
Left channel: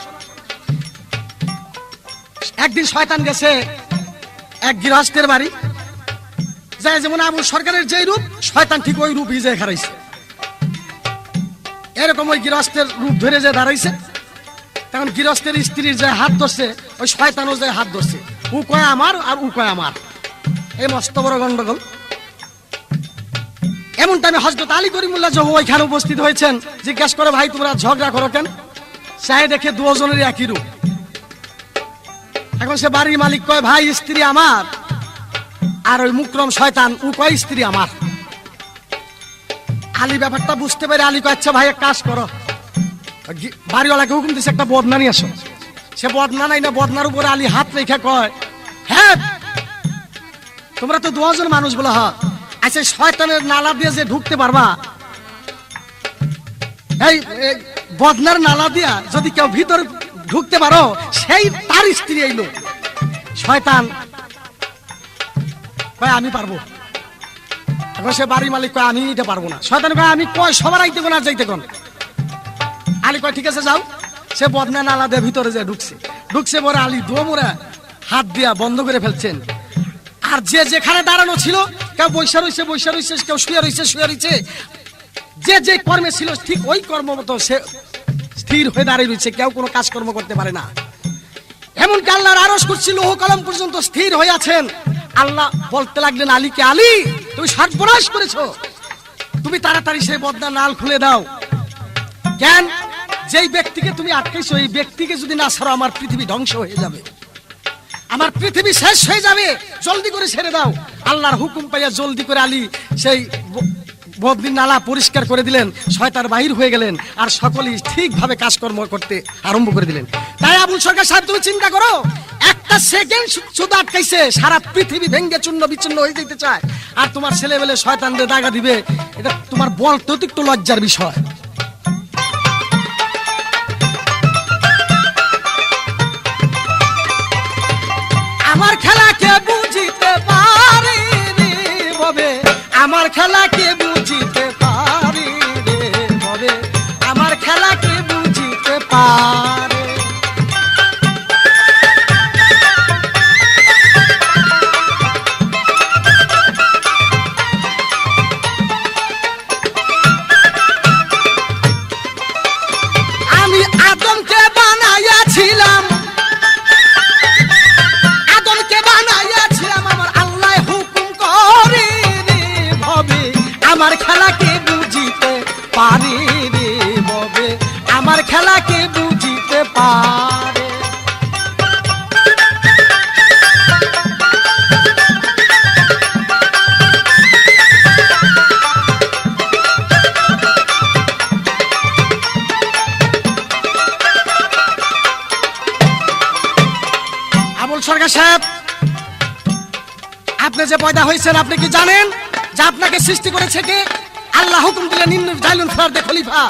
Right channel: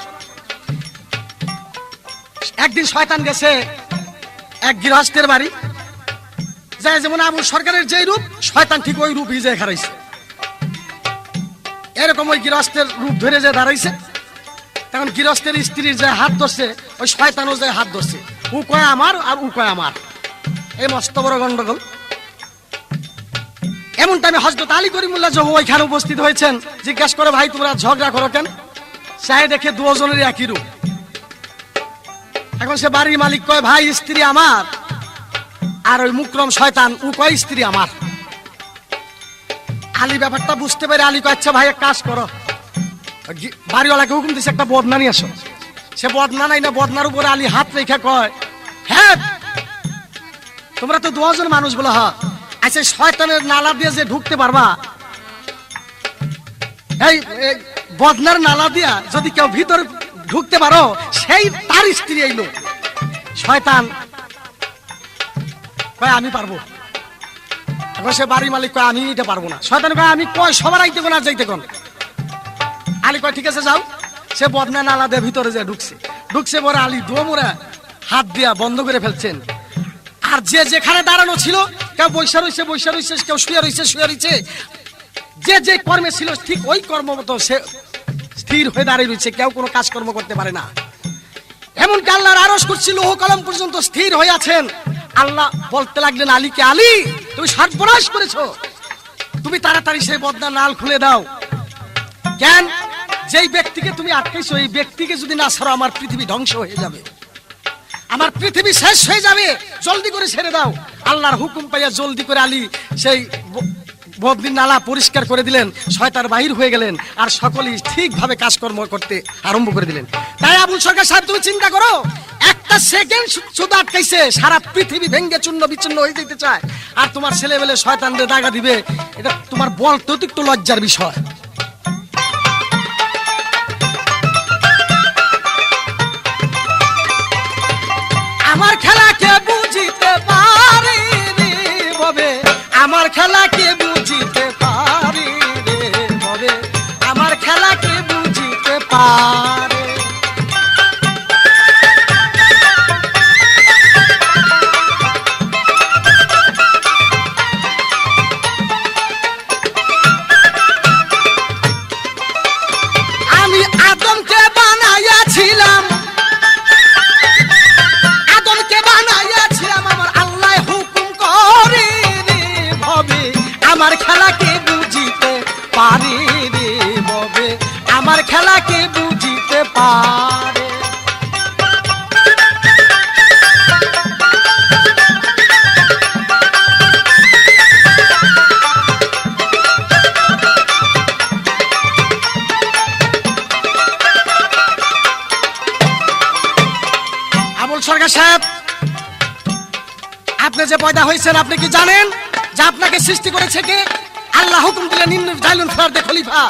একদিন শয়তান গেছে এক গৃহস্থের বাড়ি, যায় যেমন আবুল সরকারের যে রূপ শয়তান ঠিক ওই রূপ হিজে খারাইছে। এরকম ওই গৃহস্থের রূপ ধরে যে দাঁড়াইছে, তখন গৃহস্থের স্ত্রীর যে হাত ধরছে ওই শয়তানও যে হাত ধরছে, ও কয় আমার আর ও কয় আমার। এই মস্ত বড় গন্ডগোল। এমন টাইমে হযরত আলী করিমুল্লাহ জোহা ওইখানে উপস্থিত হয়েছেন। জিজ্ঞাসা করে, ভাই তোমরা ঝগড়া করো কেন? সে দেখে দুজনেরই একই রূপ। এখন সে বাড়ির মালিক কয়, ভাই স্ত্রী আমার, আর ওই মুকরম শয়তান ও কয় স্ত্রী আমার। আলী ব্যাপারটা বুঝতে পেরে আলী কয়, আচ্ছা ভাই এক কাজ করো, বাড়িওয়ালাকে হুকুম দিচ্ছে একটা বদনা নিয়ে আসো। সে বদনা নাই না, বদনার উপরে আলী হাত রেখে কয়, হ্যাঁ তোমরা তো দুজন মানুষ বলো, হ্যাঁ আচ্ছা শয়তানের নালা দিয়ে যে ঢুকতে পারবা, এই বদনার নালা দিয়া যদি কেউ ভিতরে ঢুকতে পারো সেই তার স্ত্রী এইলো। শয়তান কয় আমি পারবো। এখন সে বাড়ির মালিক কয় আমি এটা পারবো না। শয়তান কয় আমি কয় সবার আইতে কোন আর যাইতে কোন। আলী কয় ঠিক আছে যাও। সে বদনা নালা দিয়ে ভিতরে যে ঢুকছে পরে আলী দোমরা হাত দিয়া বন্ধ করে ফেলছেন। আর যে যেখানে দাঁড়ানো ছিল, কেউ বৈশা রয়েছে, কেউ শুয়ে রয়েছে, যে কর্মে ছিল ঠিক ওই কর্ম মতো সে স্থির হয়ে দাঁড়িয়ে রয়েছে, কেউ কোনো কাজকর্ম করতে পারে না। এমনকি আল্লাহর আরশ কুরসি লৌহ কলম পর্যন্ত স্থির হয়ে আছেন। আল্লাহ বলতে লাগলেন আলীকে, আলী তুমি সর্বনাশ করেছো, তুমি তাড়াতাড়ি সেই বদনা নাল খুলে দাও। কেন? যেই ব্যক্তিকে তুমি আটকেছো এই ব্যক্তিকে যদি না ছাড়ো আমার পৃথিবী ধ্বংস হয়ে যাবে, আমার পৃথিবী শেষ হয়ে যাবে, জলদি করে ছেড়ে দাও। আল্লাহর হুকুম পাইয়া জলদি করে আলী সেই বদনির নালা পরিষ্কার করে দিলেন, শয়তান বাহির হয়ে গেলেন, আর সকলেই ঠিকভাবে কাজকর্ম করতে আরম্ভ করে দিলেন। তাই আবুল সরকার সাহেব তুমি চিন্তা করো, একটা সেকেন্ড শুধু আটকাইছে, সারা পৃথিবী ভেঙ্গে চূর্ণ বিচ্ছিন্ন হয়ে যেতে চায়, আর তোমার ছেলেবেলে শয়তানদের দাগা দিবে, এটা তোমার বলতে অতিরিক্ত লজ্জার বিষয়। আমার খেলাকে বুঝিতে পারি রে ববে, আমার খেলাকে বুঝিতে পারি রে ববে, আমার খেলাকে বুঝিতে পারে। আমি আদমকে বানাইয়াছিলাম, আমার খেলাকে বুঝিতে পারি রে ববে, আমার খেলাকে বুঝিতে পারে। আবুল সরকার সাহেব, আপনি যে পয়দা হয়েছেন আপনি কি জানেন যে আপনাকে সৃষ্টি করেছে কে? আল্লাহ হুকুম দিলেন জাইলুন ফেরদে খলিফা,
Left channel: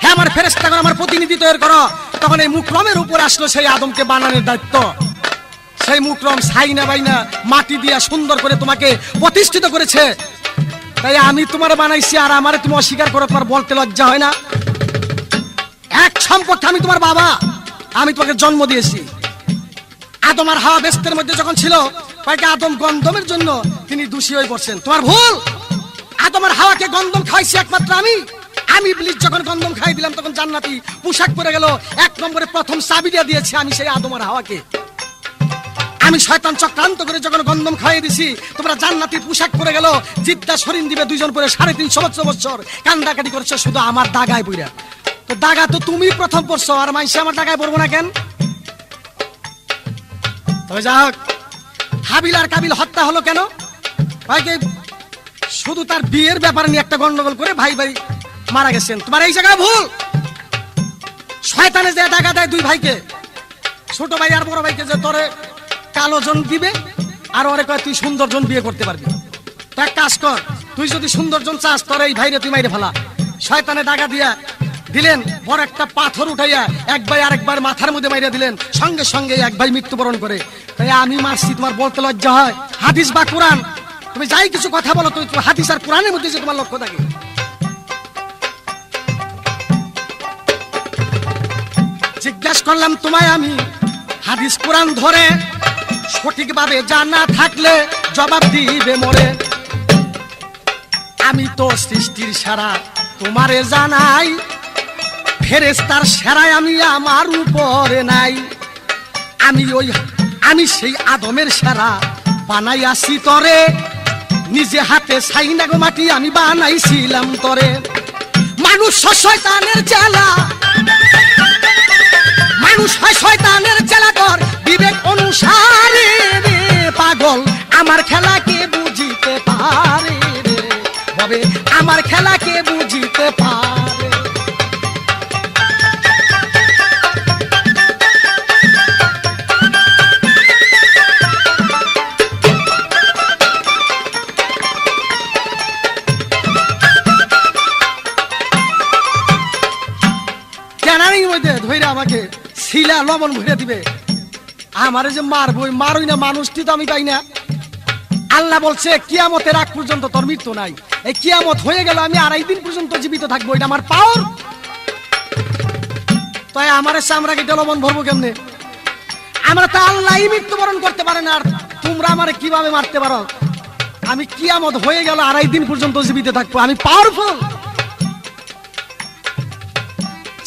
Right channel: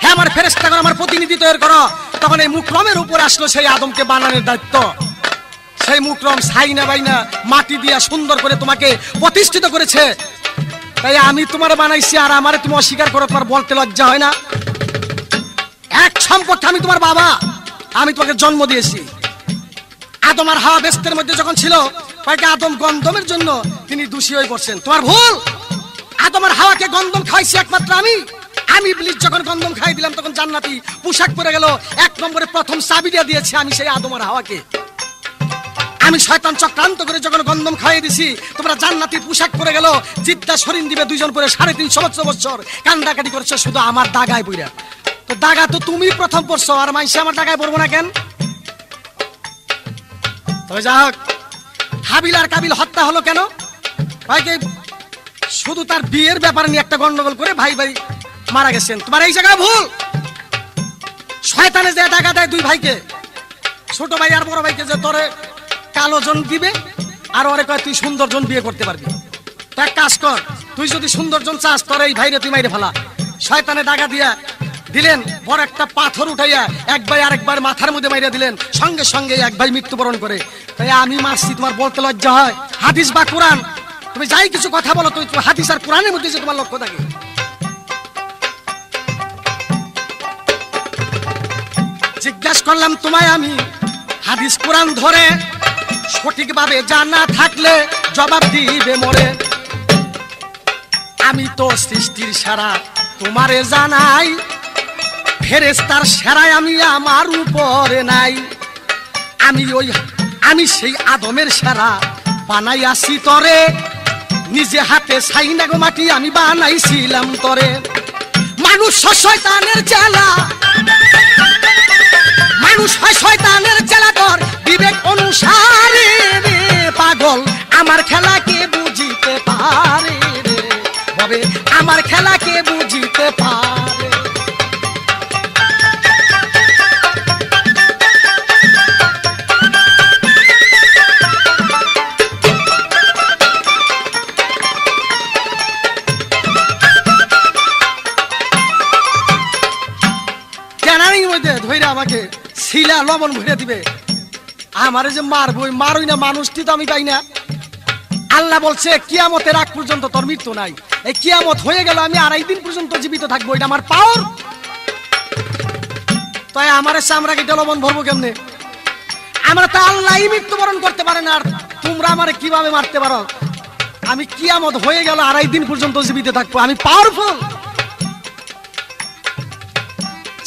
হ্যাঁ আমার ফেরেশতাগণ আমার প্রতিনিধি তৈরি করো। তখন এই মুকরমের উপর আসলো সেই আদমকে বানানোর দায়িত্ব। সেই মুকরম সাইনা বাইনা মাটি দিয়া সুন্দর করে তোমাকে প্রতিষ্ঠিত করেছে। তাই আমি তোমার বানাইছি, আর আমারে তুমি অস্বীকার করো, তোমার বলতে লজ্জা হয় না? এক সম্পর্কে আমি তোমার বাবা, আমি তোমাকে জন্ম দিয়েছি। আদম আর হাওয়া বেস্তের মধ্যে যখন ছিল, আদম গন্ধমের জন্য তিনি দোষী হয়ে পড়ছেন, তোমার ভুল। আদম আর হাওয়াকে গন্ধম খাইছি একমাত্র আমি ইবলিস যখন গন্ধম খাই দিলাম তখন জান্নাতি পোশাক পরে গেল। এক নম্বরে প্রথম চাবিটা দিয়েছি আমি সেই আদম আর হাওয়াকে। আমি শয়তান চক্রান্ত করে যখন গন্ধম খাইয়ে দিছি, তোমরা জান্নাতি পোশাক পরে গেল, জিদ্দা শরীন দিবে দুইজন পরে 350 বছর কান্দাকাটি করছে শুধু আমার দাগায় পইরা। তো দাগা তো তুমি প্রথম পড়ছো, আর মাইসে আমার দাগায় পড়বো না কেন? তবে যা হোক, হাবিল আর কাবিল হত্যা হলো কেন? ভাইকে শুধু তার বিয়ের ব্যাপার নিয়ে একটা গন্ডগোল করে ভাই ভাই মারা গেছেন। তোমার এই জায়গা ভুল। শয়তানে যে টাকা দেয় দুই ভাইকে, ছোট ভাই আর বড় ভাইকে, যে তোরে কালো জন দিবে আর ওরে কয় তুই সুন্দর জন বিয়ে করতে পারবি। তা এক কাজ কর, তুই যদি সুন্দর জন চাস তোর এই ভাইরে তুই মাইরে ফেলা। শয়তানে টাকা দিয়া দিলেন, বড় একটা পাথর উঠাইয়া এক ভাই আরেকবার মাথার মধ্যে মাইরা দিলেন, সঙ্গে সঙ্গে এক ভাই মৃত্যুবরণ করে। তাই আমি মারছি, তোমার বলতে লজ্জা হয়? হাদিস বা কোরআন, তুমি যাই কিছু কথা বলো তুই হাদিস আর কোরআনের মধ্যে যে তোমার লক্ষ্য থাকে। জিজ্ঞাসা করলাম তোমায় আমি, হাদিস কোরআন ধরে সঠিকভাবে জানা থাকলে জবাব দিবে মোরে। আমি তো সৃষ্টির সেরা তোমারে জানাই, ফেরেশতার সেরাই আমি আমার উপরে নাই। আমি সেই আদমের সেরা বানাই আসি তরে, নিজে হাতে ছাইনা গো মাটি আমি বানাইছিলাম তরে। মানুষ শয়তানের চেলা, মানুষ হয় শয়তানের চেলা কর বিবেক অনুসারে রে পাগল, আমার খেলা কে বুঝিতে পারে রে ভাবে, আমার খেলা কে বুঝিতে পারে। ক্যানারির মধ্যে ধরে আমাকে শিলা লবণ ভরে দিবে, আমারে যে মারবই মারুই না, মানুষটি তো আমি পাই না। আল্লাহ বলছে কিয়ামতের আগ পর্যন্ত তোর মৃত্যু নাই। এই কিয়ামত হয়ে গেল আমি 2.5 দিন পর্যন্ত জীবিত থাকবো, এটা আমার পাওয়ার। তাই আমার চামড়া কেটে লবণ ভরবো কেমনে? আমরা তো আল্লাহ মৃত্যুবরণ করতে পারে না, আর তোমরা আমারে কিভাবে মারতে পারো? আমি কিয়ামত হয়ে গেল 2.5 দিন পর্যন্ত জীবিত থাকবো, আমি পাওয়ারফুল।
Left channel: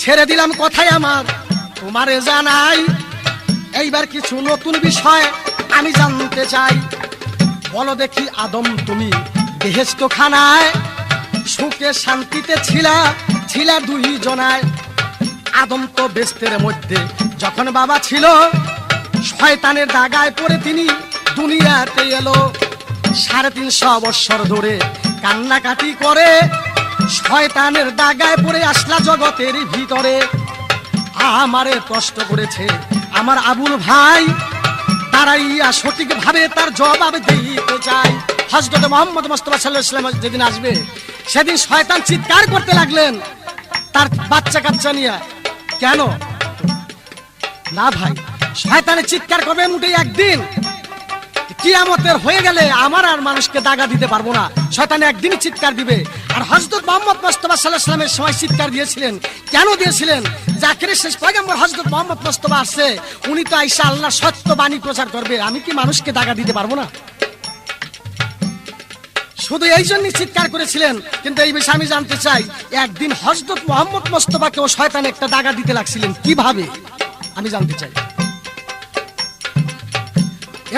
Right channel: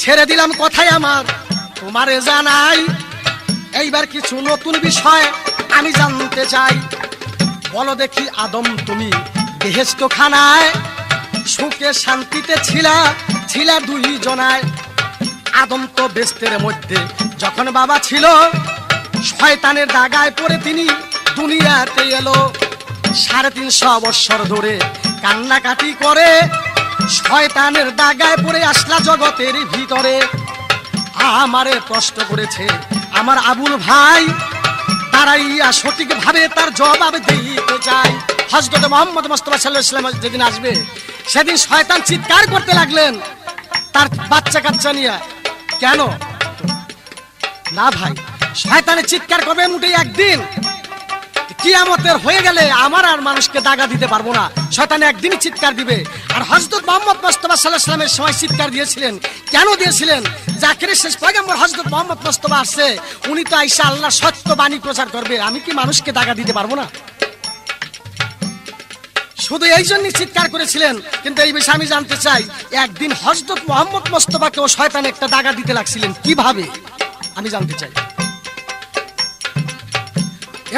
ছেড়ে দিলাম কথাই আমার তোমারে জানাই, এইবার কিছু নতুন বিষয় আমি জানতে চাই। বলো দেখি আদম তুমি বেহেশত খানায় সুখে শান্তিতে ছিলা 2 জনায়। আদম তো বেস্তের মধ্যে যখন বাবা ছিল, শয়তানের দাগায় পড়ে তিনি দুনিয়াতে এলো। 350 বছর ধরে কান্নাকাটি করে শয়তানের দাগায় পড়ে আসলা জগতের ভিতরে। আমারে প্রশ্ন করেছে আমার আবুল ভাই, তারাইয়া সঠিক ভাবে তার জবাব দিতে চাই। হযরত মুহাম্মদ মুস্তাফা সাল্লাল্লাহু আলাইহি ওয়াসাল্লাম যেদিন আসবে, সেদিন শয়তান চিৎকার করতে লাগলেন তার বাচ্চা কাচ্চা নিয়ে। কেন না ভাই, শয়তানের চিৎকার করবে মোটে একদিন, কিয়ামতের হয়ে গেলে আমার আর মানুষকে দাগা দিতে পারবো না। শয়তান একদিনই চিৎকার দিবে। আর হযরত মুহাম্মদ মুস্তাফা সাল্লাল্লাহু আলাইহি ওয়াসাল্লামের সময় চিৎকার দিয়েছিলেন। কেন দিয়েছিলেন? জাকিরের শেষ পয়গম্বর হযরত মুহাম্মদ মুস্তাফা আসছে, উনি তো আইসা আল্লাহ সত্য বাণী প্রচার করবে, আমি কি মানুষকে দাগা দিতে পারবো না? শুধু এই জন্যই চিৎকার করেছিলেন। কিন্তু এই বিষয়ে আমি জানতে চাই, একদিন হযরত মুহাম্মদ মুস্তাফাকেও শয়তান একটা দাগা দিতে লাগছিলেন, কিভাবে আমি জানতে চাই।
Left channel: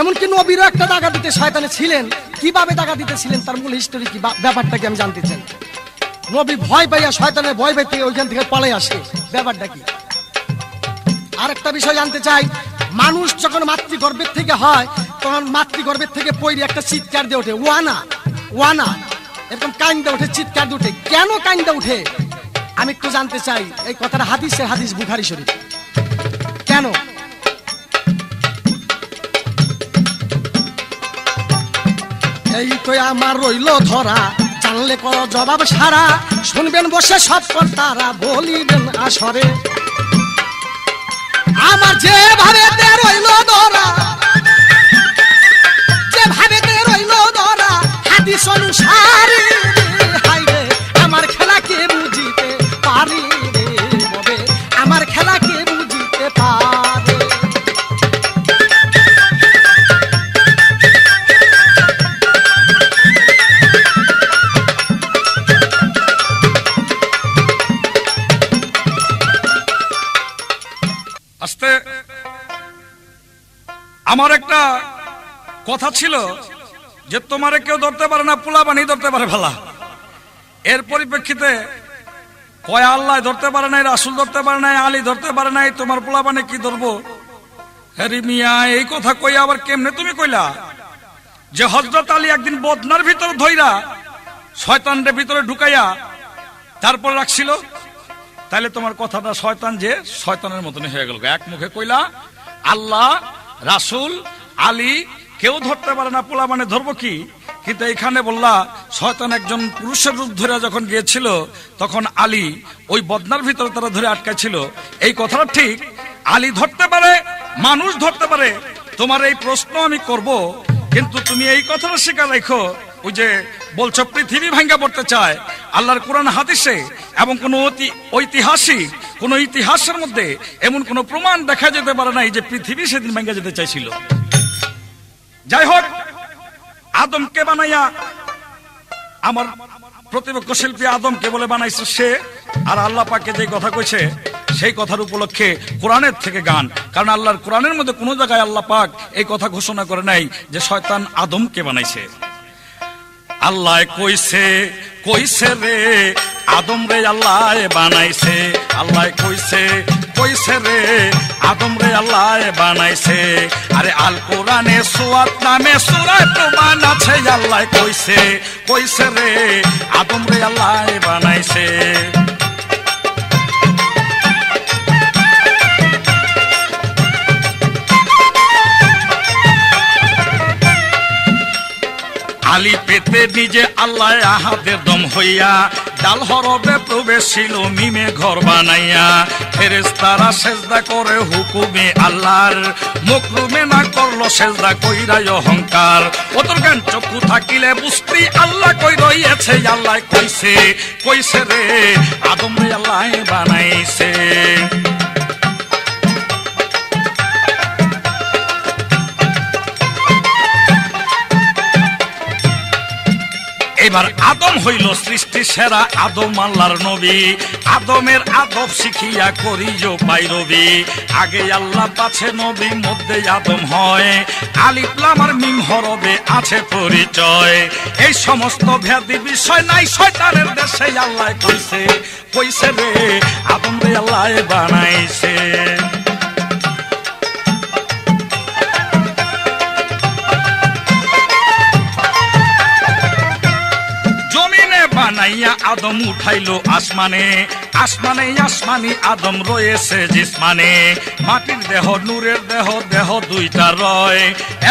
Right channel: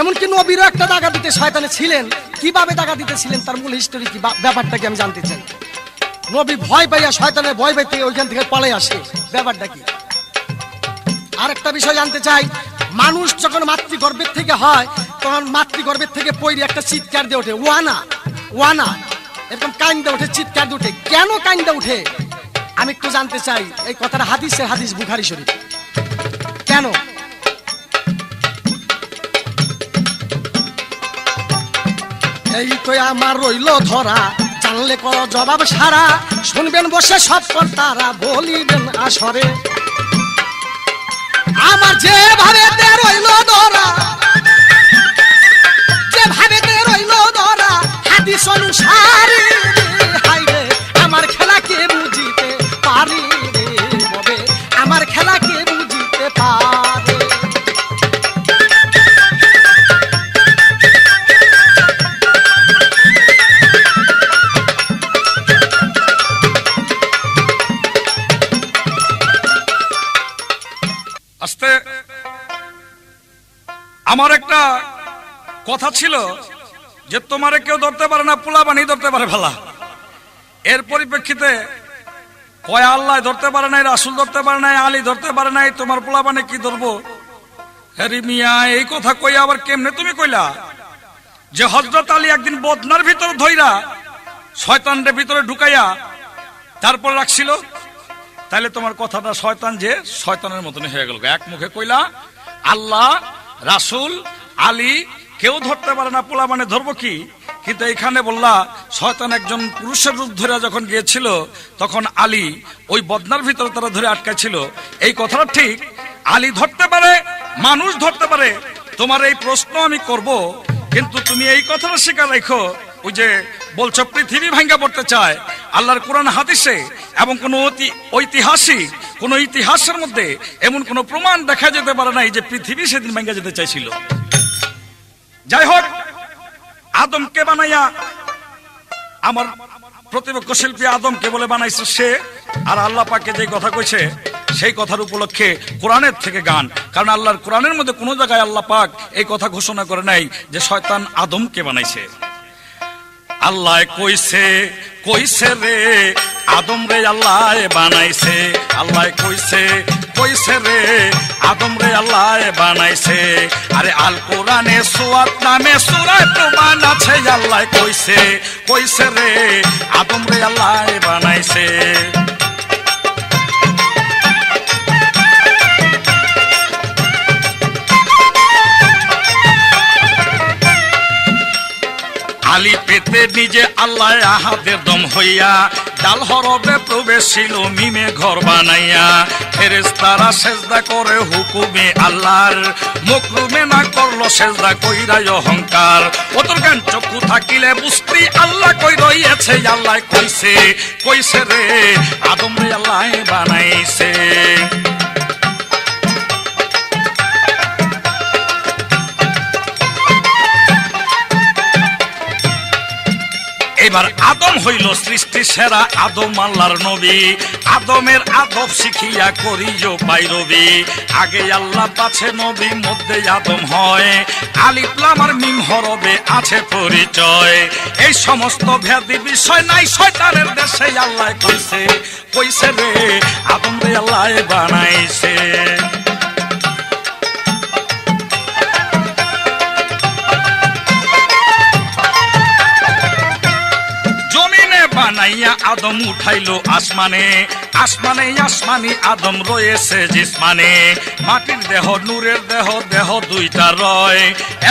এমনকি নবীরও একটা দাগা দিতে শয়তানে ছিলেন, কিভাবে দাগা দিতেছিলেন তার মূল হিস্টোরি কি, ব্যাপারটা কি আমি জানতে চাই। নবী ভয় পাইয়া শয়তানের ভয় পাইতে ওইখান থেকে পালাই আসে, ব্যাপারটা কি। আরেকটা বিষয় জানতে চাই, মানুষ যখন মাতৃগর্ভের থেকে হয়, তখন মাতৃগর্ভের থেকে পয়রি একটা চিৎকার দিয়ে ওঠে, ওয়ানা ওয়ানা, এরকম কাইন্দা উঠে, চিৎকার দিয়ে উঠে। কেন কাইন্দা উঠে আমি একটু জানতে চাই। এই কথাটা হাদিস বুখারী শরীফ। কেন? এই তো আমার রইল ধরা, জানলে কর জবাব সারা, শুনবেন বসে সব কর্তারা বলিবেন আসরে। আমার যেভাবে রইল ধরা, যেভাবে রইল ধরা হাদিস অনুসারে, হাইরে আমার খেলা কে বুঝিতে পারি রে ববে, আমার খেলা কে বুঝিতে পারে। আস্তে আমার একটা কথা ছিল যে তোমারে কেউ ধরতে পারে না, পোলা বানি ধরতে পারে ভালা। এর পরিপ্রেক্ষিতে কয় আল্লাহ ধরতে পারে নাই, রাসূল ধরতে পারে নাই, আলী ধরতে পারে নাই, তোমার পোলা বানি কি ধরবো? হ্যারি মিয়া এই কথা কই আবার কেমনে তুমি কইলা যে হযরত আলী একদিন বদনার ভিতর ধইরা শয়তানদের ভিতরে ঢুকাইয়া তারপর রাখছিল, তাহলে তোমার কথাটা শয়তান যে শয়তানের মতনই হয়ে গেল। এক মুখে কইলা আল্লাহ, রাসূল, আলী কেউ ধরতে পারে না, পোলা মানে ধরবো কি? কিন্তু এখানে বললা শয়তান একজন পুরুষের রূপ ধরে যখন গিয়েছিল তখন আলী ওই বদনার ভিতরে তারা ধরে আটকাছিল। এই কথাটা ঠিক, আলী ধরতে পারে, মানুষ ধরতে পারে। তোমার এই প্রশ্ন আমি করব, কিন্তু তুমি এই কথাটা স্বীকার রাখো, ওই যে বলছো পৃথিবী ভাঙ্গা পড়তে চায়, আল্লাহর কোরআন হাদিসে এবং কোন ঐতিহাসিক কোন ইতিহাসের মধ্যে এমন কোন প্রমাণ দেখা যেতে পারে না যে পৃথিবী সেদিন ভাঙ্গা যেতে চাইছিল। যাই হোক, আদমকে বানাইয়া আমার প্রতিপক্ষ শিল্পী আদমকে বলে বানাইছে সে, আর আল্লাহ পাককে যে কথা কইছে সেই কথার উপলক্ষে কোরআনের থেকে গান। কারণ আল্লাহর কোরআনের মধ্যে কোন জায়গায় আল্লাহ পাক এই কথা ঘোষণা করে নাই যে শয়তান আদমকে বানাইছে। আল্লাহ কইছে কইছে রে আদম রে আল্লাহ বানাইছে, আল্লাহ কইছে কইছে রে আদম রে আল্লাহ বানাইছে। আরে আল কোরআনে সুয়াত নামে সূরা প্রমাণ আছে, আল্লাহ কইছে কইছে রে আদম রে আল্লাহ বানাইছে। আলী পেতে নিজে আল্লাহ আহাদের দম হইয়া ডাল হরবে প্রবেশিল মিমে ঘর বানাইয়া। ফেরেশতারা সেজদা করে হুকুমে আল্লাহর, মকরুমে না করলো সেজদা কইরাই অহংকার। ওতর জ্ঞান চক্ষু থাকিলে বুঝতি আল্লাহ কই রইছে, আল্লাহ কইছে কইছে রে আদম রে আল্লাহ বানাইছে। এবার আদম হইল সৃষ্টি সেরা, আদম আল্লাহর নবী। আদমের আদব শিখিয়া করিও পাইরবি, আগে আল্লাহ পাছে নবী মধ্যে আদম হয়। আলিফ লাম আর মিম হরবে আছে পরিচয়, এই সমস্ত ভেদি বিষয় নাই শয়তানের দেশে। আল্লাহ কইছে কইছে রে আদম রে আল্লাহ বানাইছে। বানাইয়া আদম উঠাইলো আসমানে, আসমানে আসমানি আদম রয়েছে জিসমানে। মাটির দেহ নূরের দেহ, দেহ দুইটা রয়,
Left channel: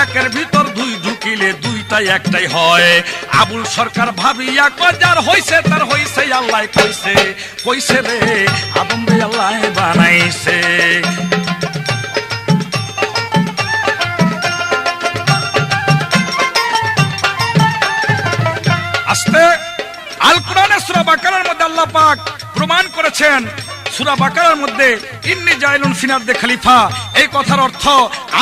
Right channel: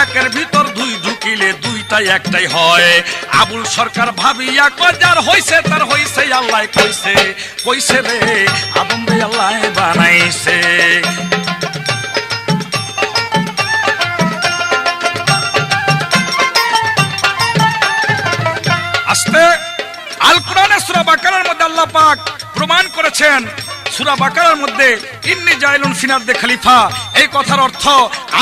একের ভিতর দুই ঢুকিলে দুইটাই একটাই হয়। আবুল সরকার ভাবিয়া কজার হইছে তার হইছে, আল্লাহ কইছে কইছে রে আদম রে আল্লাহ বানাইছে। আস্তে আল কোরআনে সূরা বাকারার মধ্যে আল্লাহ পাক প্রমাণ করেছেন, সূরা বাকারার মধ্যে ইন্নী জাইলুন ফিল আরদি খলিফা, এই কথার অর্থ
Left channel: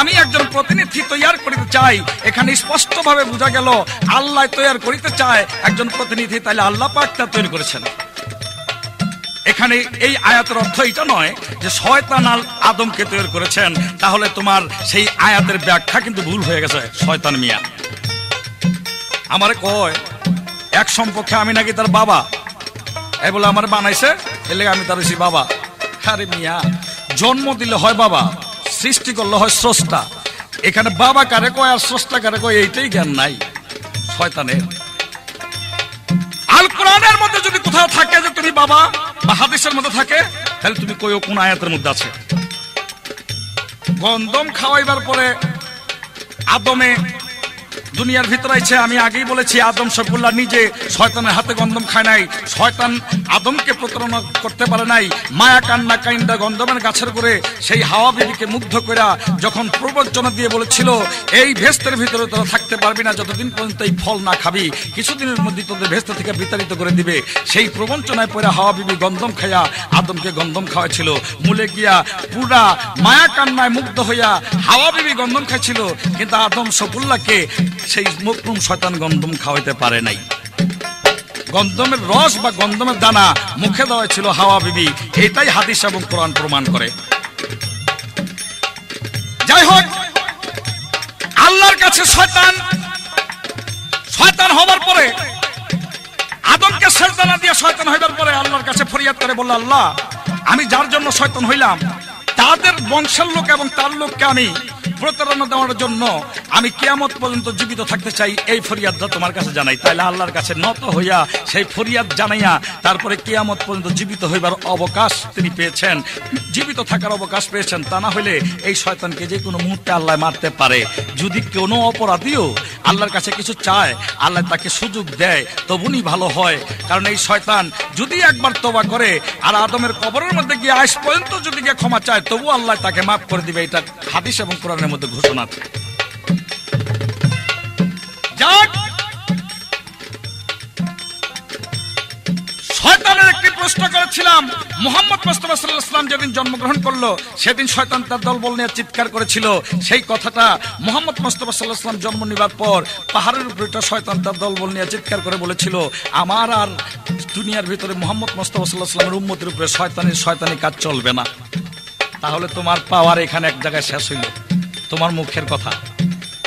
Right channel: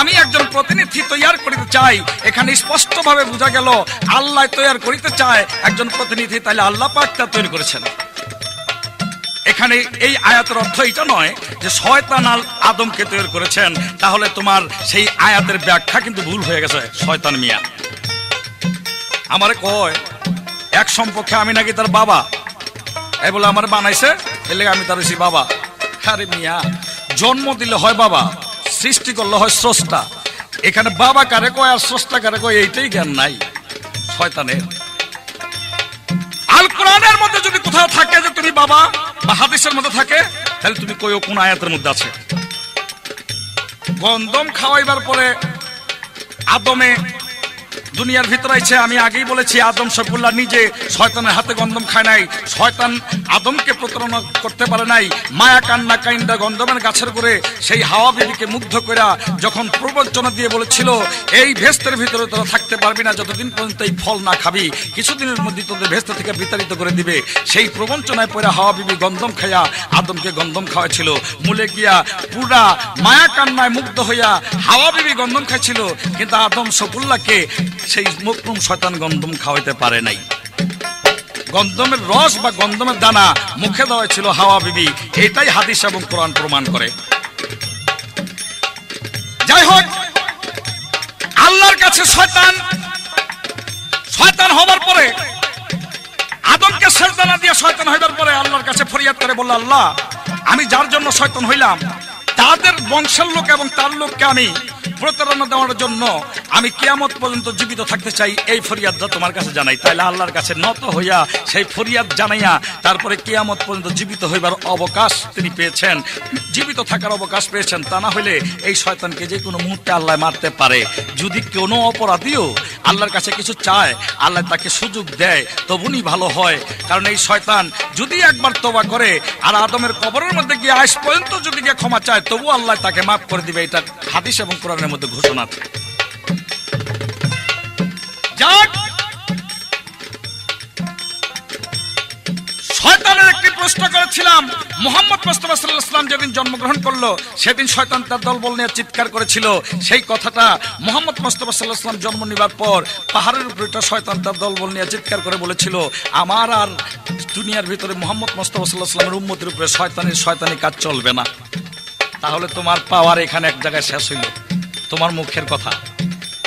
আমি একজন প্রতিনিধি তৈয়ার করিতে চাই। এখানে স্পষ্ট ভাবে বোঝা গেল আল্লাহ তৈয়ার করিতে চায় একজন প্রতিনিধি, তাহলে আল্লাহ পাক তা তৈরি করেছেন। এখানে এই আয়াতের অর্থ এটা নয় যে শয়তান আদমকে তৈরি করেছেন, তাহলে তোমার সেই আয়াতের ব্যাখ্যা কিন্তু ভুল হয়ে গেছে। শয়তান মিয়া আমারে কয় এক সম্পর্কে আমি নাকি তার বাবা, এই বলে আমার বানাইছে, এলে আমি তার সেই বাবা। আরে মিয়া, জন্ম দিলে হয় বাবা, সৃষ্টি করলে হয় স্রষ্টা। এখানে বাবা কারে কয় আর স্রষ্টা কারে কয় এইটাই জ্ঞান নাই শয়তানের। আল কোরআনের মধ্যে যদি কোথাও থাকে যে তুমি বাবা, বা হাদিসের মধ্যে থাকে, তাহলে তুমি কইও কোন আয়াতের মধ্যে আছে। গন্ধম খাওয়াইবার পরে আদমে দুনিয়ার ভিতরে আছে। আমি আগেই বলেছি আদম সফুল্লাহ নিজে শয়তানের হাতে গন্ধম খায় নাই, শয়তান আদমকে প্রতারণা করতে পারে নাই। মায়া কান্না কাইন্দা গন্ধমের গাছের করে সেই হাওয়া বিবিকে মুগ্ধ করে যখন প্রবঞ্চনা দিয়ে বলেছিল এই ভেস্তের ভিতরে তোরা থাকতে পারবি না যতদিন পর্যন্ত এই ফল না খাবি, কিছুদিনের মধ্যে তোদের ভেস্ত থেকে বিতাড়িত করে দিবে। সেই প্রবঞ্চনায় পড়ে হাওয়া বিবি গন্ধম খাইয়া আদমকে গন্ধম খাওয়াইছিল। মূলে গিয়া পুরা মায়া কান্নায় মুগ্ধ হইয়া হাওয়া বিবি গন্ধম খাইছিল, কিন্তু আদম সফুল্লাহকে সেই মকরুম শয়তান গন্ধম খাওয়াইতে পারে নাই। গন্ধমের রস বা গন্ধমের দানা মুখে দেওয়া ছিল হাওয়া বিবি, এটাই হাদিস এবং কোরআন প্রমাণ করে। যাই হোক, আল্লাহর কাছে শয়তান হবার পরে আদমকে সেজদা না দিয়ে শয়তান হইবার পরে আল্লাহর কাছে ফরিয়াদ করে বলল, আল্লাহ আমি যার জন্য শয়তান হইলাম তাদের বংশের লোক এবং তার লোককে আমি প্রতারণা দেওয়ার জন্য আমি কিয়ামত পর্যন্ত জীবিত থাকতে চাই, এই ফরিয়াদটা তোমার কাছে জানাই। তাইলে আল্লাহর কাছে নত হইয়া সেই ফরিয়াদ জানাইয়া তারপরে কিয়ামত পর্যন্ত জীবিত হইবার অবকাশ তিনি পেয়েছেন, জীবিত থাকার অবকাশ পেয়েছেন। তা না হলে এই শয়তানকে যে কোনো মুহূর্তে আল্লাহ মারতে পারে। যদি কোনো অপরাধীও আল্লাহর কাছে কিছু চায়, আল্লাহ তাকে সুযোগ দেয়, তবুনি ভালো হয়। কারণ এই শয়তান যদি একবার তওবা করে আর আদমের কবরের মধ্যে গিয়ে আজ পর্যন্ত যদি গিয়ে ক্ষমা চায়, তবু আল্লাহ তাকে মাফ করে দিবে। এটা হাদিস এবং কোরআনের মধ্যে ঘোষণা আছে। যাক, শয়তানের একটি প্রশ্ন করেছিলাম। মুহাম্মদ মুস্তাফা সাল্লাল্লাহু আলাইহি ওয়াসাল্লাম যেদিন জন্মগ্রহণ করলো সেদিন শয়তান তার দলবল নিয়ে চিৎকার করেছিল। সেই কথাটা মুহাম্মদ মুস্তাফা সাল্লাল্লাহু আলাইহি ওয়াসাল্লাম জন্ম নেবার পর পাহাড়ের উপরে একটা শয়তান তার দলবল নিয়ে চিৎকার করে বলেছিল, আমার আর দুনিয়ার ভিতরে মুহাম্মদ মুস্তাফা সাল্লাল্লাহু আলাইহি ওয়াসাল্লামের উম্মতের উপরে শয়তানি কাজ চলবে না। তাহলে তোমার পাওয়ার এখানে এক জায়গায় শেষ হইল। তোমার মুখের কথা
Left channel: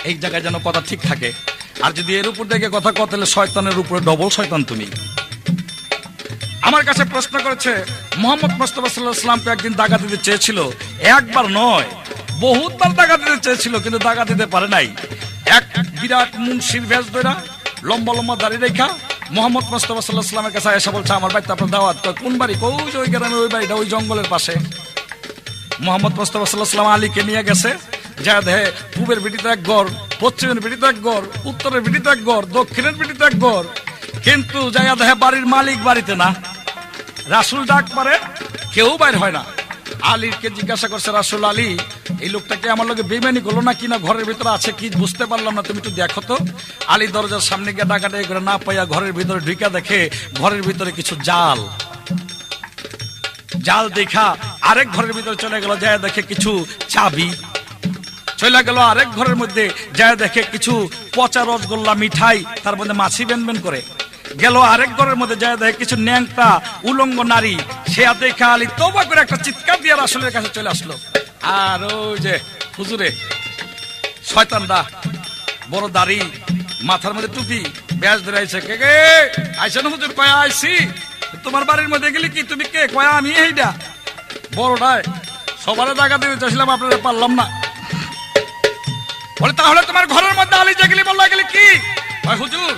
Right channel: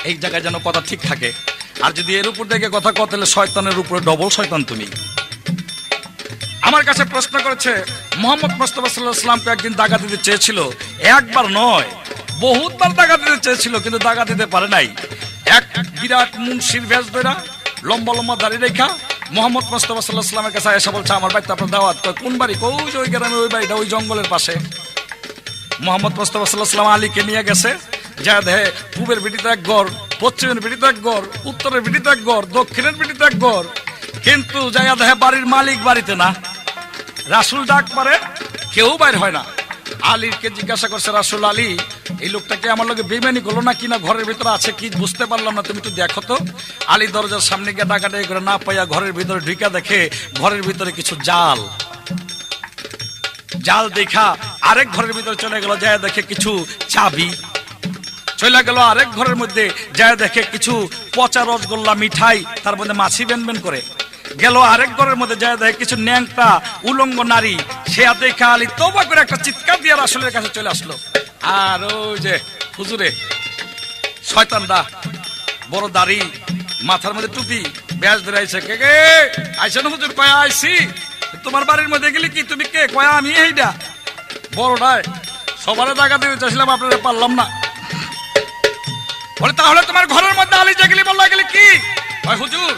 এই জায়গায় যেন কথা ঠিক থাকে। আর যদি এর উপর দেখে কথা কত, তাহলে শয়তানের উপরে ডবল শয়তান তুমি। আমার কাছে প্রশ্ন করেছে, মুহাম্মদ মুস্তাফা সাল্লাল্লাহু আলাইহি ওয়াসাল্লামকে একদিন দাগা দিতে চেয়েছিল, একবার নয় বহুতবার দাগা দিতে চেয়েছিল, কিন্তু দাগা দিতে পারে নাই। এক বিরাট মুন্সির ভেষ ধরা, লম্বা লম্বা দাড়ি রেখা মুহাম্মদ মুস্তাফা সাল্লাল্লাহু আলাইহি ওয়াসাল্লামের কাছে এসে বলছে, আমার বাড়িতে আপনার দাওয়াত। কোন বাড়ি? ওই গ্রামে, ওই বাড়িটা ওই জঙ্গলের পাশে। মুহাম্মদ মুস্তাফা সাল্লাল্লাহু আলাইহি ওয়াসাল্লাম আলীকে নিয়ে গেছে। যা দেখে পূবের ভিটিতে এক ঘর, পশ্চিমের ভিটিতে এক ঘর, উত্তরের ভিটিতে এক ঘর, দক্ষিণের ভিটিতে এক ঘর। কিন্তু যাইয়া দেখে বাড়ির মালিক বাড়িতে না। রাসূল ডাক পারে, কেউ বাইর হয় না। আলীকে জিজ্ঞাসা করছে, রাসূল আলী, এই লোকটাকে আমার লোকে বেইমানি করলো না কিনা, ঘরের ভিতরে আছে কি বুঝতে পারলাম না, তুমি তো দেখো তো। আলী দরজার সামনে গিয়ে ডাকাডাকি করে না পাইয়া ঘরের ভিতরে ঢুকা দেখে ঘরের ভিতরে কিছু জাল দেখা আরেক ঘরের ভিতরে চলে গেল। যায় দেখে কিছু চাবি। চলে গেল আরেক ঘরের মধ্যে, যায় দেখে কিছু পচা রসগোল্লা মিঠাই, তার মধ্যে মাছি বেনবেন করে। গেল আরেক ঘরের মধ্যে, যায় দেখে কিছু ন্যাংটা উলঙ্গ নারী। সে দেখা আলী তওবা করে একটা চিৎকার দিয়ে রাসূলের কাছে চলে আসলো। আর ওই যে হুজুরে শয়তানটা বড় দাড়ি, মাথার মধ্যে টুপি, ব্যাজ ধরাইছে, কে কে আইসেন হুজুর? কয়া আইসি। তোমার বাড়ির মধ্যে গেলি কি? তুমি কে? কয়া আমি এইটা বড়টাই, সবার জায়গা দিতে চাইছিলাম, আপনারা পারলাম না। বলে তাহলে তোমার ঘরের মধ্যে আলী যে গেলি বললা, গেলি কি? হুজুর,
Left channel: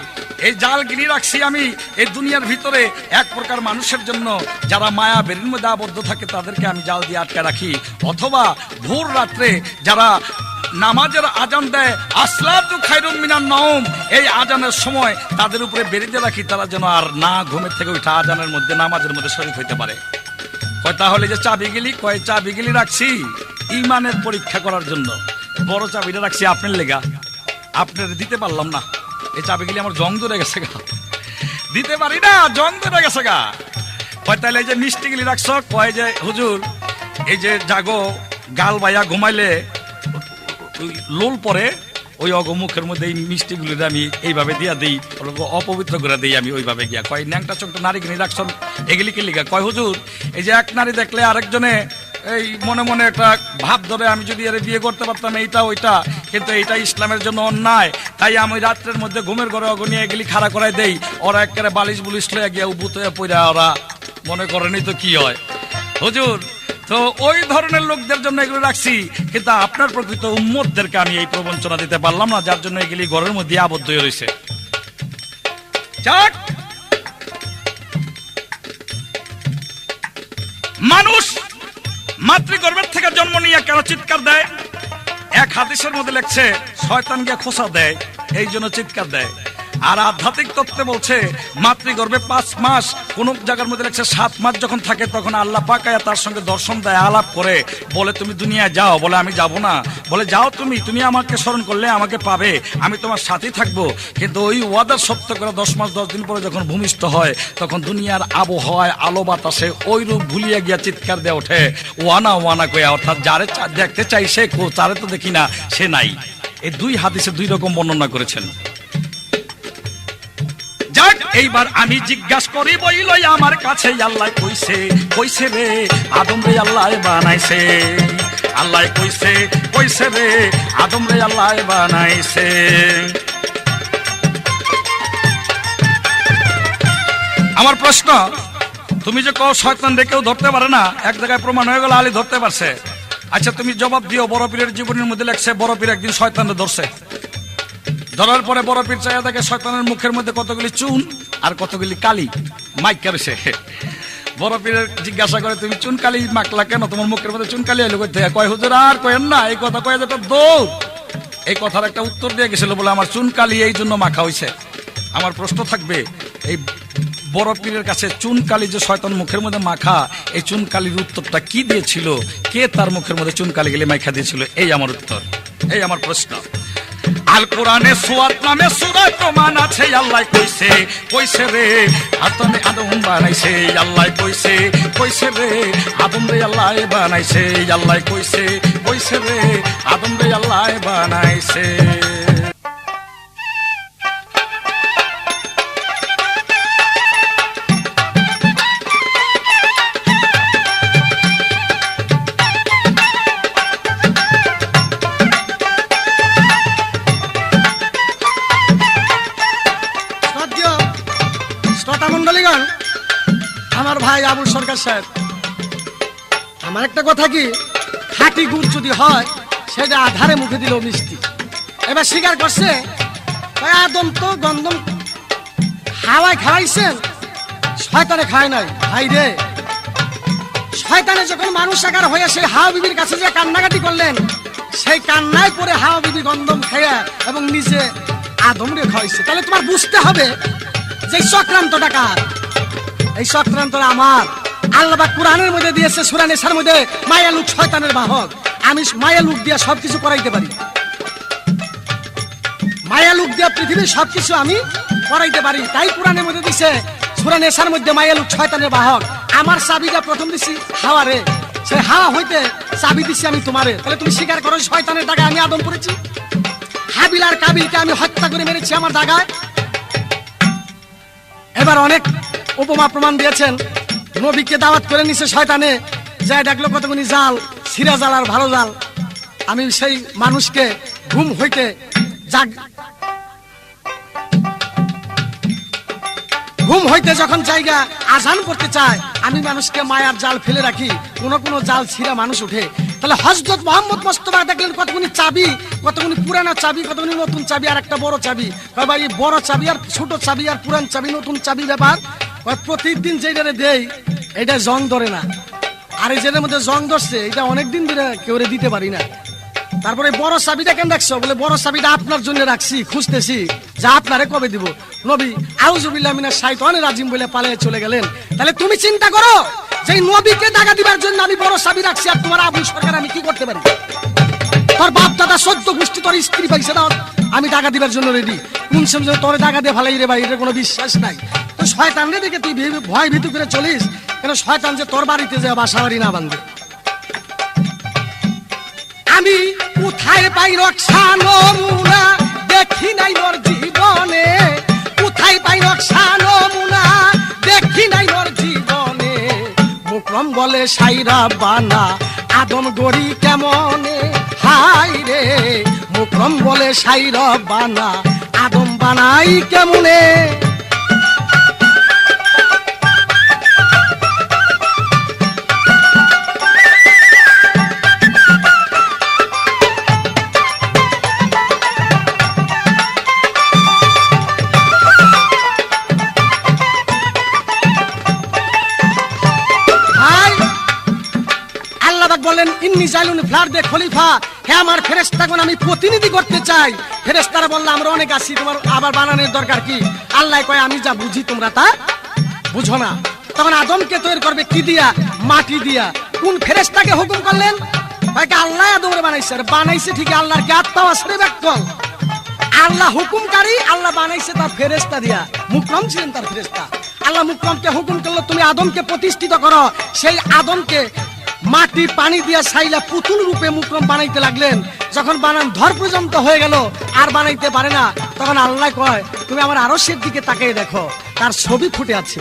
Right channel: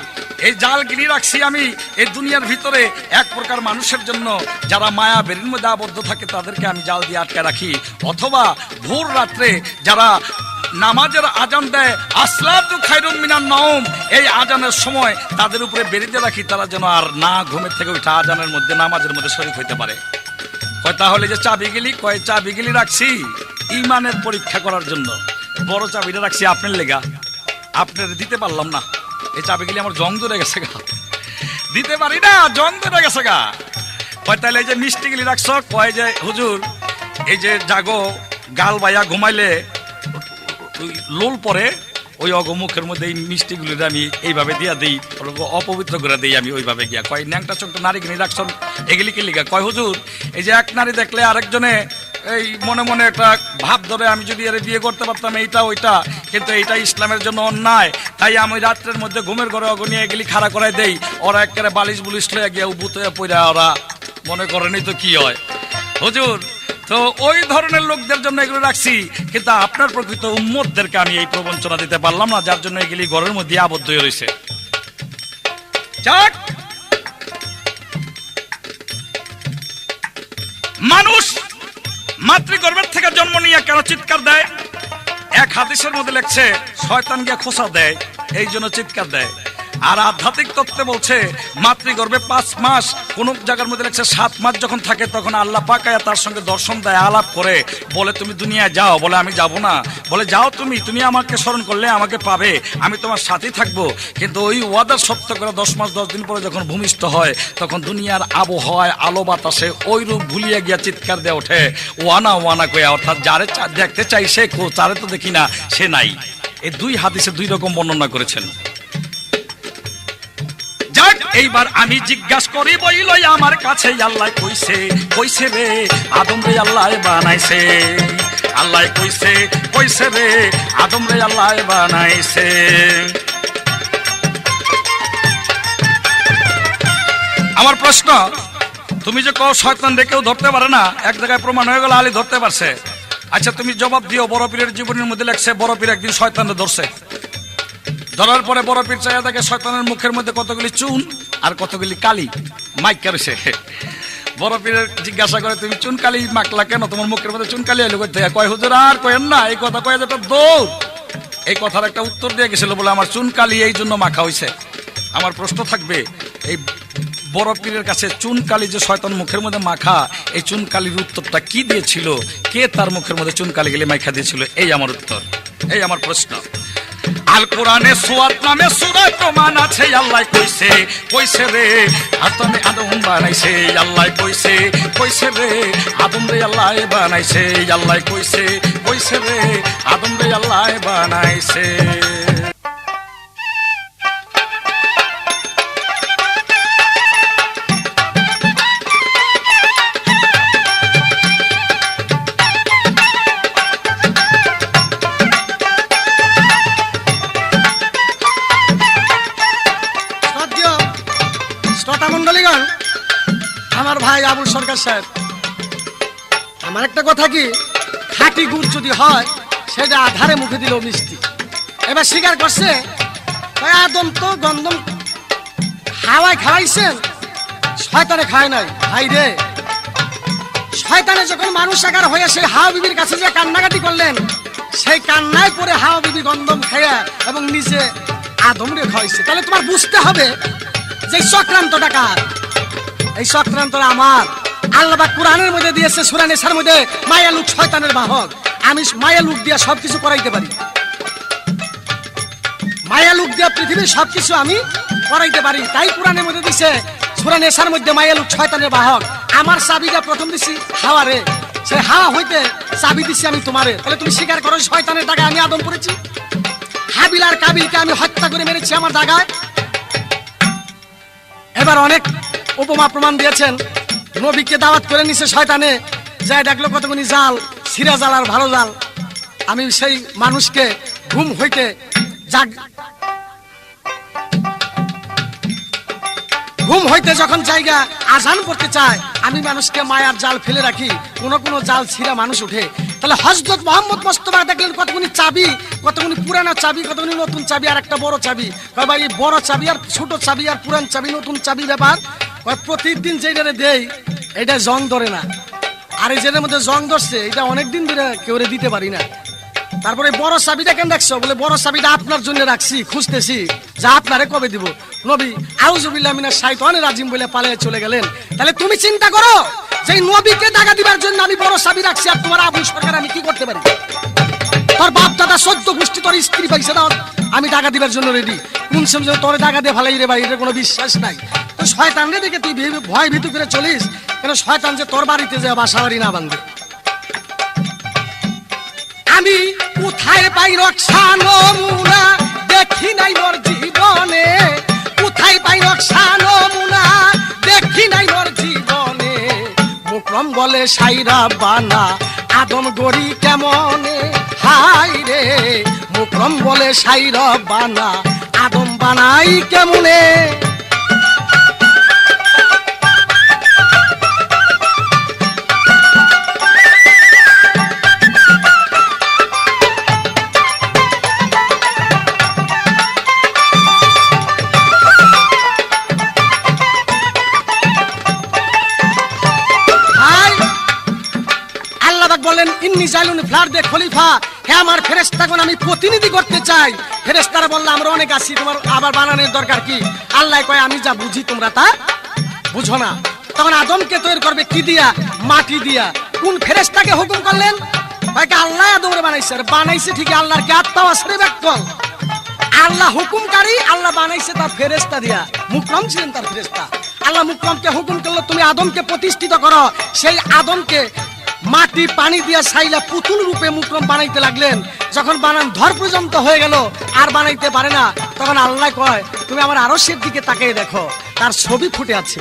এই জাল গিরি রাখছি আমি এই দুনিয়ার ভিতরে এক প্রকার মানুষের জন্য, যারা মায়া বেরির মধ্যে আবদ্ধ থাকে তাদেরকে আমি জাল দিয়ে আটকে রাখি। অথবা ভোর রাত্রে যারা নামাজের আজান দেয়, আসলাতু খায়রুম মিনান নাওম, এই আজানের সময় তাদের উপরে বেরিয়ে রাখি, তারা যেন আর না ঘুমের থেকে উঠে আজানের মধ্যে নামাজের মধ্যে শরীক হইতে পারে। কয় তাহলে যে চাবি গিলি? কয় চাবি গিলি রাখছি ইমানের পরীক্ষা করার জন্য। বড় চাবিটা রাখছি আপনার লেগা, আপনার দিতে পারলাম না। এই চাবি গিলি আমার জং ধরে গেছে গা, দিতে পারি না, জং ধরে গেছে গা। কয় তাহলে এই যে মিষ্টি গিলি রাখছ? কয় যে হুজুর, এই যে জাগো গাল বাইয়া ঘুমাইলে লোল পরে, ওই অগমুখের মধ্যে এই মিষ্টিগুলি আমি এইভাবে দিয়া দিই, অপবিত্র করে দিই আমি ওইভাবে গিয়া। কয় ন্যাংটা চোখ নারী কিনে রাখছ এগুলি কি লিখা? কয় হুজুর, এই যে এক নারী দেখলে আরেকজনে এই মনে মনে একটা ভাব ধরে, আমি যদি এর বিয়ে করতে পারতাম এইটা ওইটা, কিন্তু এইটা ইসলামের জন্য অন্যায়, তাই আমি রাত্রের মধ্যে ঘুমের ঘরে অগনিয়ে এগুলি খাড়া করাই দেই। ওরা একেবারে বালিশ বুলিশ লইয়া গিয়া উবুত হয়ে পড়া, ওরা মনে করেনি তো কি হয়। হুজুর, তো ওই ধরনের লোকদের জন্য এগুলো রাখছি, কিন্তু আপনার প্রকৃত উম্মতদেরকে আমি এই প্রবঞ্চনা দিতে পারলাম না, যার জন্য এগুলি ঘরের মধ্যে আবদ্ধ হয়ে রয়েছে। যাক, মানুষ মাতৃগর্ভের থেকে জন্ম নিয়ে কেন চিৎকার দেয়? এক হাদিসের মধ্যে লেখছে শয়তান গিয়া খোঁচা দেয়, এই জন্য চিৎকার দেয়। আর আধ্যাত্মিক তত্ত্বে বলছে মাতৃগর্ভে 5 মাস, কোন জায়গার মধ্যে লেখছে 7 মাস যখন থাকে, তখন আল্লাহ পাক আয়া তার সঙ্গে দর্শন দেয়, আলাপ করে, বলে তুমি দুনিয়ায় যাও। বলে আমি যাব না। বলে যাও, তুমি আমাকে স্মরণ করলে আমাকে পাবে, আমি তোমার সাথে থাকবো। কিন্তু ওই ওয়াদার সত্য করে 10 মাস 10 দিন পরে যখন ভূমিষ্ঠ হয়, তখন দুনিয়ার আবহাওয়ায় আলো বাতাসে ওই রূপ ভুলিয়ে গিয়া চিৎকার দিয়ে ওঠে, ওয়ানা ওয়ানা কয়া। অর্থাৎ যারে দেখতে চাই সে, তারে তো দেখি না, সে নাই। এই 2 হাদিসে 2 রকম বর্ণনা করেছেন। যাক, এইবার আমি জিজ্ঞাসা করি বইল আমার কাছে, আল্লাহ কইছে রে আদম রে আল্লাহ বানাইছে, আল্লাহ কইছে রে আদম রে আল্লাহ বানাইছে। আমার প্রশ্ন, তুমি যে কও শয়তান রে কেউ ধরতে পারে না, এক জায়গায় প্রমাণ হয়ে গেল আলী ধরতে পারছে। আচ্ছা তুমি জবাব দিও, বড় পীরের জীবনের মধ্যে লেখছে বড় পীর একদিন শয়তানকে ধরছে। ধরার পরে বড় পীর চাইয়া দেখে শয়তানের মুখের মধ্যে কতগুলি চুন আর কতগুলি কালি মাইক করেছে। বড় পীরের জিজ্ঞাসা করে, তুমি চুন কালি মাখলা কেন? তোমার মুখের মধ্যে চুন কালি এলো কোথায়? কয়, হুজুর আর কয়েন না, এই কথা কয়ে যেটা দৌড়। এই কথার একটা উত্তর দিয়ে গেছিল বলে আমার চুন কালি এই জন্য মাখা হয়েছে। আমার প্রশ্ন থাকবে, এই বড় পীরের কাছে চুন কালি যে শয়তান মুখের মধ্যে মাখা, এই চুন কালির উত্তরটা কি দিয়েছিল? কে তার মুখের মধ্যে চুন কালি গেলে মাখা দিয়েছিল? এই আমার উত্তর, এই আমার প্রশ্ন। আল কোরআনে সুয়াত নামে সূরা প্রমাণ আছে, আল্লাহ কইছে কইছে রে আতনে আদম বানাইছে, আল্লাহ কইছে কইছে রে আদম রে আল্লাহ বানাইছে, আল্লাহ কইছে কইছে রে আদম রে আল্লাহ বানাইছে। শ্রোতামণ্ডলীগণ, আমার ভাই আবুল সরকার সাহেব, আমার একটা কথা কি, খাঁটি গুড় যদি হয় সেটা আধারে মুখে দিলেও মিষ্টি। এবার স্বীকার করছে, আদম তো গন্ধম হাওয়ায় খাওয়াইছেন, শয়তানে খায় নাই। ভাই রে, শয়তানে যখন মানুষ আকার হয়ে সেই হাওয়া বিবির কাছে যে কান্নাকাটি করলেন, সেই কান্নায় পরে হাওয়া বিবি গন্ধম খেয়ে এবং নিজে আদম রে খাওয়াইছে। তাহলে তোমার বুঝতে হবে যে চক্রান্তটা কার? এই চক্রান্তটা আমার। আল্লাহ পাক কোরআনের মধ্যে দিয়েছে, সূরা নিসার মধ্যে, মায়া লুক শয়তানের বাহক। আমি মায়া লুক দিয়া সবকিছু করাইতে পারি, মায়া লুক দিয়া পৃথিবীর সবকিছু আমি করাইতে পারি। তাই কোরআনের মধ্যে দিছে, সূরা নিসার মধ্যে, মায়া লুক শয়তানের বাহক। আমার চাবিটা প্রথম দিছি হাওয়ারে, সে হাওয়া হইতে চাবি দিছি আমি তোমারে। তাহলে তুমি স্বীকার করো শয়তানের দাগায় আমি আদম করেছি? হাবিল আর কাবিলকে আমি হত্যা করে মেরেছি আমার দাগায়। এবার অনেক উপমা প্রমাণ দিয়েছেন। নবীকে দাওয়াত করে নিছে শয়তানে, যাই ডাকলো কতগুনি জাল, সিরা জাল আর ভালো জাল। আমি সেই মানুষকে ঘুম হইতে যখন জায়গা আজান করতে চায়, আমি মানুষকে মায়ার জাল ফেলে রাখি, কোন কোন জাল ছিঁড়া মানুষ উঠে। তাহলে হযরত মুহাম্মদ মুস্তাফা দেখলেন কতগুনি চাবি, কতগুনি পুরানা চাবি, কতগুনি নতুন চাবি, আর একটা বড় চাবি। ভাই, বড় চাবি আর ছোট চাবি আর পুরান চাবি, নতুন চাবি ব্যাপার। প্রতিদিন যেটারে দেই এটা জং ধরে না, আর এই যেটার মধ্যে জং ধরছে এটা অনেকদিন ধরে কেউ দিতে পারি না। তারপরে বড় চাবিটা কেন রাখছো? বলে বড় চাবিটা আপনার জন্য রাখছি, খুঁজতেছি যা আপনারে কবে দিব। নবী আউযুবিল্লাহি মিনাশ শাইতানির রাজিম বলে পালিয়ে চলে গেলেন। তাহলে তুমি চিন্তা করো যে নবীকে দাগা দিবার জন্য আমি বড় চাবি রাখছি, আর তোমার আবুল সরকার আমি কি করতে পারি? তোর বাপ দাদা 14 গোষ্ঠী তোর স্ত্রী পাইছে না, আমি দাগা দিবার জন্য রেডি। কোন সময় তোর দাগা দিয়ে ফালাই রে ভাই, এটার কোনো বিশ্বাস নাই। তো শয়তান রে দেখে তুই ভয় ভীতু করে চলিস কেন? শয়তান যে তোর বাড়িতে যে বাসা বাড়ি না বাঁধবে। আমি কোথায় পাই রক্ষা নমুনা, দেখি নাই মোর জীবনে। কোথায় পাই রক্ষা নমুনা, দেখি নাই মোর জীবনে। মুকরম বলে সাইরা বানা, আদম গড়ি কেমনে? হাই রে, মুকরম বলে সাইরা বানা, আদম বানাই কেমনে? বলেন ইন্নী জাইলুন ফ্লার দে খলিফা, হে আমার ফেরেশতাগণ আমি প্রতিনিধি করতে চাই। ফেরেশতারা বলল আমরা অনেক আছি, তোমার আবার বানানোর দরকার কি? আল্লাহ কয় আমি যা বুঝি তোমরা তা বুঝো না। তখন আদমকে তৈরি করবে কি দিয়া? মাটি দিয়া। কোন ফেরেশতাকে হুকুম করলেন? ভাইকে আল্লাহ আদমরে বানাইছে, আর বানাইছে ঠিক আল্লাহর কি আত্মাও আসবে ব্যক্তল? আল্লাহ হুকুমকারী, আল্লাহ বানাইছে তার ফেরেশতা দিয়া। মুকরম ছিলেন তার ফেরেশতা। আল্লাহ মুকরমকে হুকুম করলো তুমি আদমকে প্রতিষ্ঠিত করো। সেই আদমকে মাটি পানি দিয়া ছাইলা পুতুল রূপে মুকরম বানাইতে লাগলেন। যখন বানান ধর পর্যন্ত হয়ে গেল আর বানাইতে পারে না, তখন আল্লাহ কয় তুমি আমার আরশের দিকে তাকিয়ে দেখো, তার ছবি ফুটে আছে।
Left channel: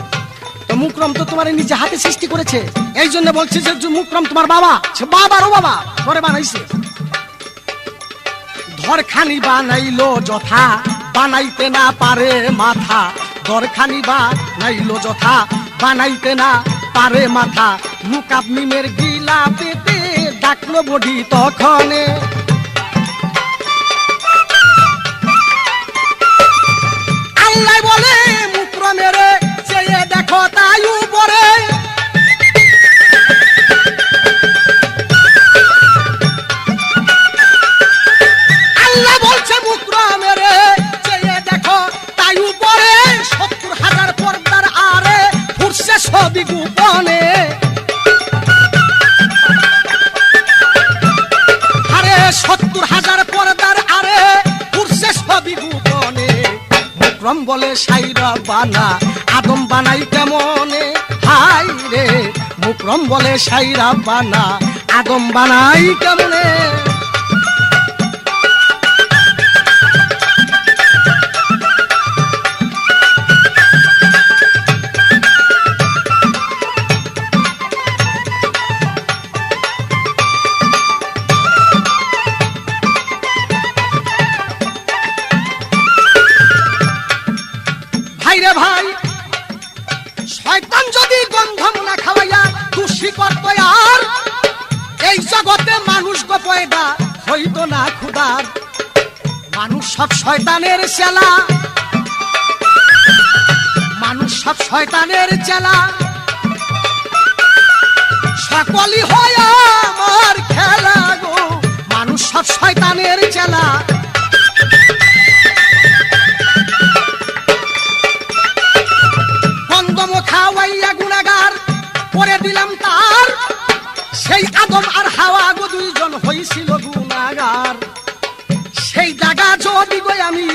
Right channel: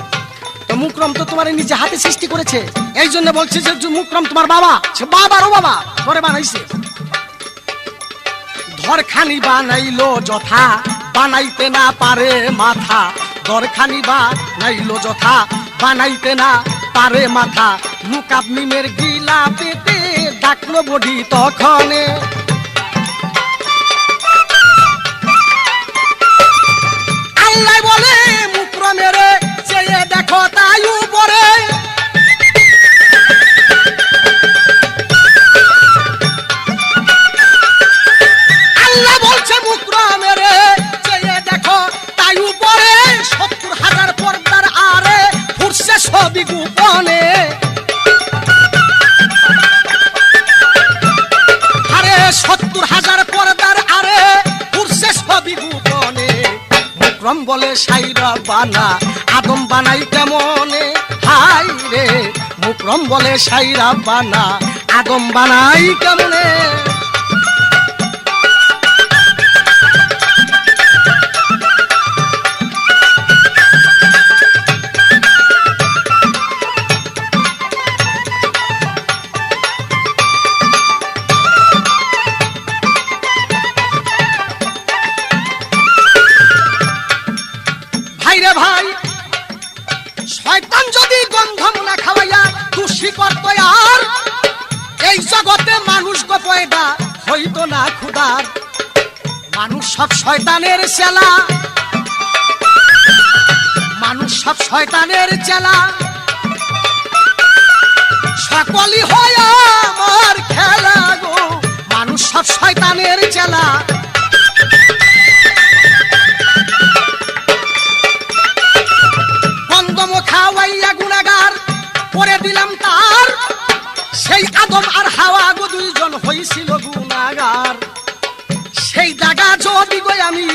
তো মুকরম তো তোমার নিজে হাতে সৃষ্টি করেছে, এই জন্য বলছে যে মুকরম তোমার বাবা, সে বাবারও বাবা, ধরে বানাইছে। ধরখানি বানাইলো যথা, বানাইতে না পারে মাথা। ধরখানি বানাইলো যথা, বানাইতে না পারে মাথা। মুকাব মিমের গিলা পেটে ডাকলো বডি তখনে। মুকরম বলে সাইরা বানা আদম বানাই কেমনে, হাই রে মুকরম বলে সাইরা বানা আদম বানাই কেমনে। ভাইরে ভাই, শয়তান যদি গন্ধম না খাওয়াইয়া দোষী করত আর এই জগতে মানুষ গো পয়দা হইতো না খুদার। মানুষ সব শয়তানের চেলা, মানুষ সব শয়তানের চেলা, সকলই হয় আমার খেলা গো, মানুষ সব শয়তানের চেলা। গন্ধম খাওয়াইয়া গুনাগার করে দিলাম তার, সেই আদম আর হাওয়া গো দুইজন হইছিল গুনাগার। সেই জায়গা যদি গো আমি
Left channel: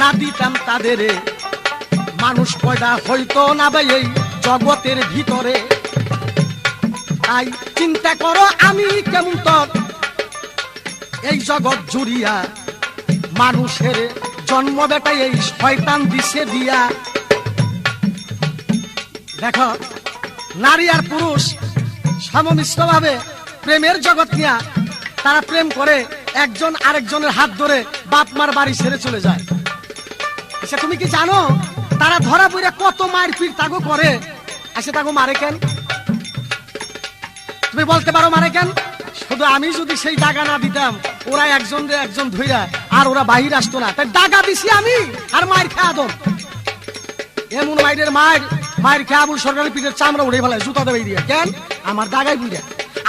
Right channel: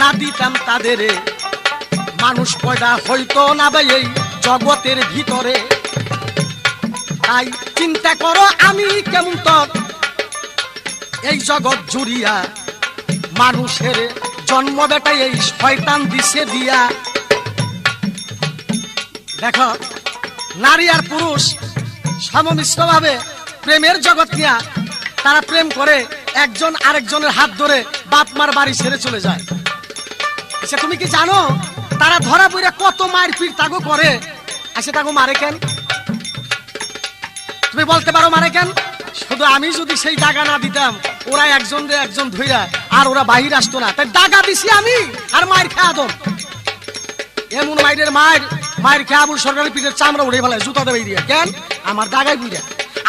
না দিতাম তাদের, মানুষ পয়দা হইতো না ভাই এই জগতের ভিতরে। তাই চিন্তা করো আমি কেমন তোর এই জগৎ জুড়িয়া, মানুষের জন্ম বেটাই এই শয়তান দিছে দিয়া। দেখো নারী আর পুরুষ সমমিশ্র ভাবে প্রেমের জগৎ নিয়া তারা প্রেম করে, একজন আরেকজনের হাত ধরে বাপ মার বাড়ি ছেড়ে চলে যায়। আচ্ছা তুমি কি জানো তারা ধরা পড়ে কত মারপিট তাগো করে? আচ্ছা তাগো মারে কেন? তুমি বলতে পারো মারে কেন? শুধু আমি যদি সেই দাগা না দিতাম, ওরা একজন একজন ধইরা আর ওরা বাহির আসতো না। তাই দাগা দিছি আমি আর মায়ের খেয়ে আদম। এমন মায়ের মায়ের খেয়ে আবুল সরকারের পিঠের চামড়া উড়ে ফেলায় জুতা দেবে দিয়া। কেন? আমার দাগাই বুঝা।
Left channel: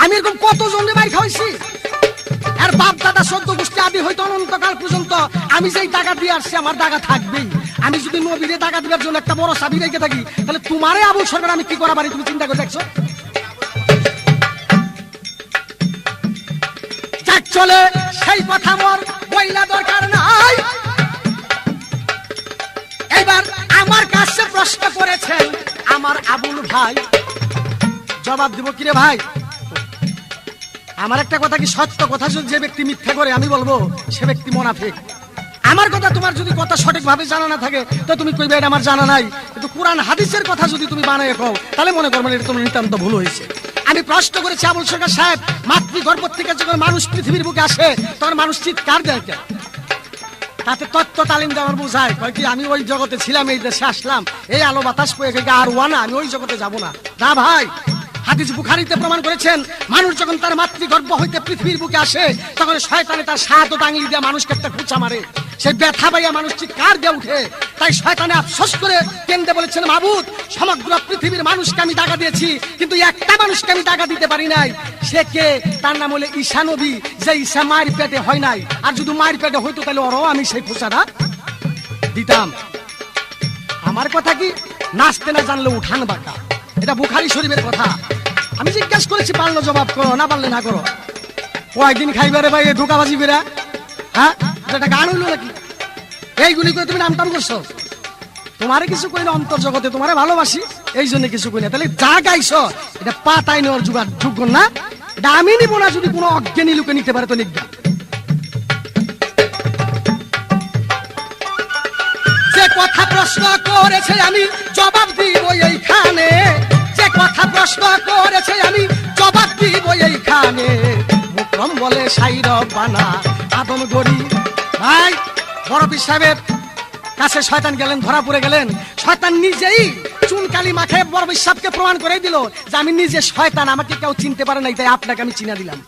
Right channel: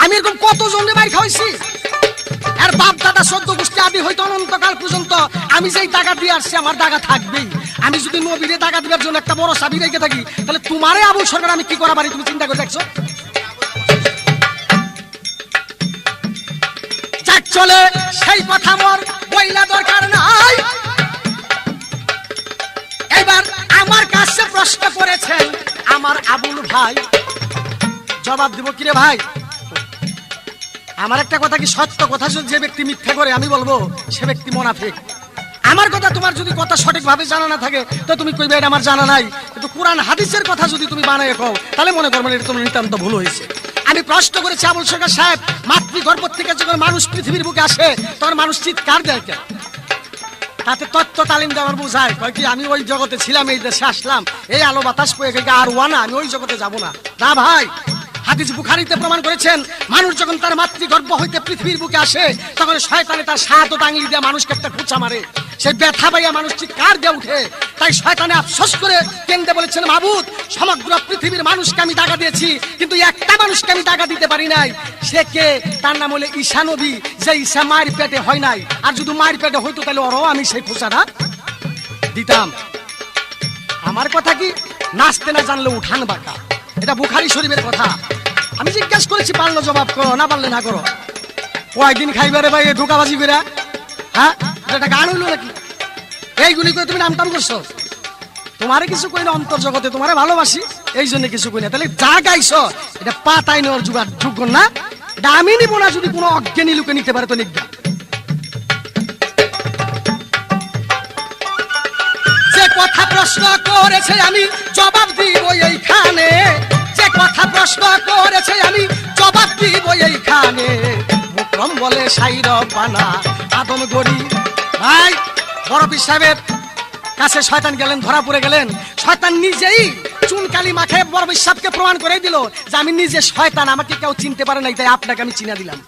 আমি এরকম কত জনে মার খাওয়াইছি, আর বাপ দাদা 14 গোষ্ঠী আদি হয়তো অনন্তকাল পর্যন্ত আমি যেই দাগা দিয়ে আসছি আমার দাগা থাকবেই। আমি যদি নবীরে দাগা দিবার জন্য একটা বড় সাবি রেখে থাকি, তাহলে তোমারে আবুল সরকার আমি কি করা পারি তুমি চিন্তা করে দেখছো? যাক চলে সেই কথা মোর বইলা দরকার নাই। এবার আমার কাছে প্রশ্ন করেছেন আমার আবুল ভাই, জবাব দিব কিরে ভাই? আমার একটা কথা কি সত্য কথা, যে ব্যক্তি মিথ্যা করে আমি বলবো সে ব্যক্তি মুনাফিক। আমার কথা তোমার যদি কথা সঠিক ভাবে জানা না থাকে তো তুমি কইবে এটা আমার জানা নাই, কিন্তু কোরআন হাদিসের কথা যদি তুমি বানায় কও তাহলে মনে করবেন এটা তোমার নিতান্ত ভুল হয়েছে। আমি প্রশ্ন করেছি আবুল সরকার সাহেব, মাতৃগর্ভ থেকে যখন মানুষ পৃথিবীর বুকে আসে তখন মানুষ চিৎকার দেয় কেন? তাতে তত্ত্ব তালিম দেওয়ার বোঝায় কয় কি আমি ওই জগতে ছিলাম, এই দেশে আসলাম, এই আলো বাতাস পেয়ে গেছে আর ওয়ানা, আমি ওই জগতে যাব না। না ভাই, হাদিস বুখারীতে প্রমাণ করেছেন মানুষ যখন তার মাতৃগর্ভ হইতে পৃথিবীর বুকে আসে তখন শয়তানে তার শাহাদত আঙ্গুল দিয়ে মানুষকে একটা খুঁচা মারে, সেই ব্যথা পাইয়া মানুষ চিৎকার দিয়ে উঠে। তাই শয়তানে আফসোস করে কেন্দ্রে বলেছেন, মাবুদ সমগ্র পৃথিবীর মানুষকে আমি দাগা দিয়েছি কিন্তু একটা মানুষকে আমি দাগা দিতে পারি নাই। সে কে? তার নাম হলো ঈসা নবী, যে ঈসা মায়ের পেটে হয় নাই। আর যদি মায়ের পেটে হইতো তাহলে ওরও আমি সেই খুঁচাটা দিতাম। আমার কথা কি নাচতে না জানলে উঠান বাঁকা, এটা বুখারী শরীফের কথা। আমি জিজ্ঞাসা করেছি, পারলো জবাব করো, না পারলে না করো। কয়েকদিন খাইবারে ভাই ঢোকাবাজি করে, হ্যাঁ এটা গান হইলো নাকি? এইগুলি করে তুমি নামটাম করছো। তোমারে কিছু কই না, অন্তর জগতে তোমারে ভালোবাসি এই জন্য কিছু কই না। তাহলে যা গাইছো এটা পাতাই নেওয়ার যোগ্য না, এটা আমি নিব না। যদি কোনো অজ্ঞানী লোকে নিতে পারে তো নিজ্ঞা। যে কথা প্রশ্ন করেছে আমি জবাব দিব এইখানে, যে কথা প্রশ্ন করেছে আমি জবাব দিব এইখানে। মুকরম বলে সাইর বানা আদম গড়ি। ভাই বড় পীর সাহেবের কাছে শয়তান গেলেন, ধরা পড়ে গেলেন। শয়তান নিজেই চুনকালি মাখে বড় পীর সাহেবকে প্রমাণ করে দিল যে আমি নিজে শয়তান, আমাকে কেউ চিনতে পারে নাই, তাই আপনাকে আমি চিনা দিলাম।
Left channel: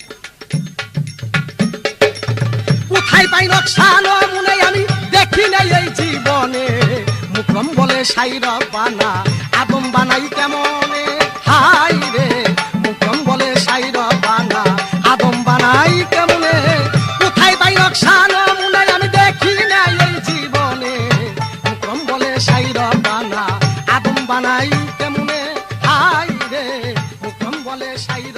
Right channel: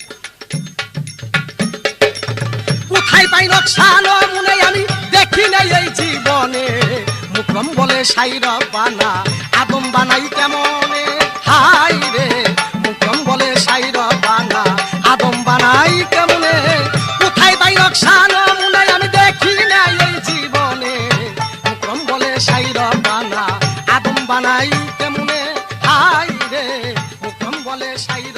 কোথায় পাই নকশান মনে আমি দেখি নাই এই জীবনে। মুকরম বলে সাইর বানা আদম বানাই কেমনে, হাই রে মুকরম বলে সাইর বানা আদম বানাই কেমনে। কোথায় পাই নকশান মনে আমি দেখি নাই এই জীবনে। মুকরম বলে সাইর বানা আদম বানাই কেমনে, হাই রে মুকরম বলে সাইর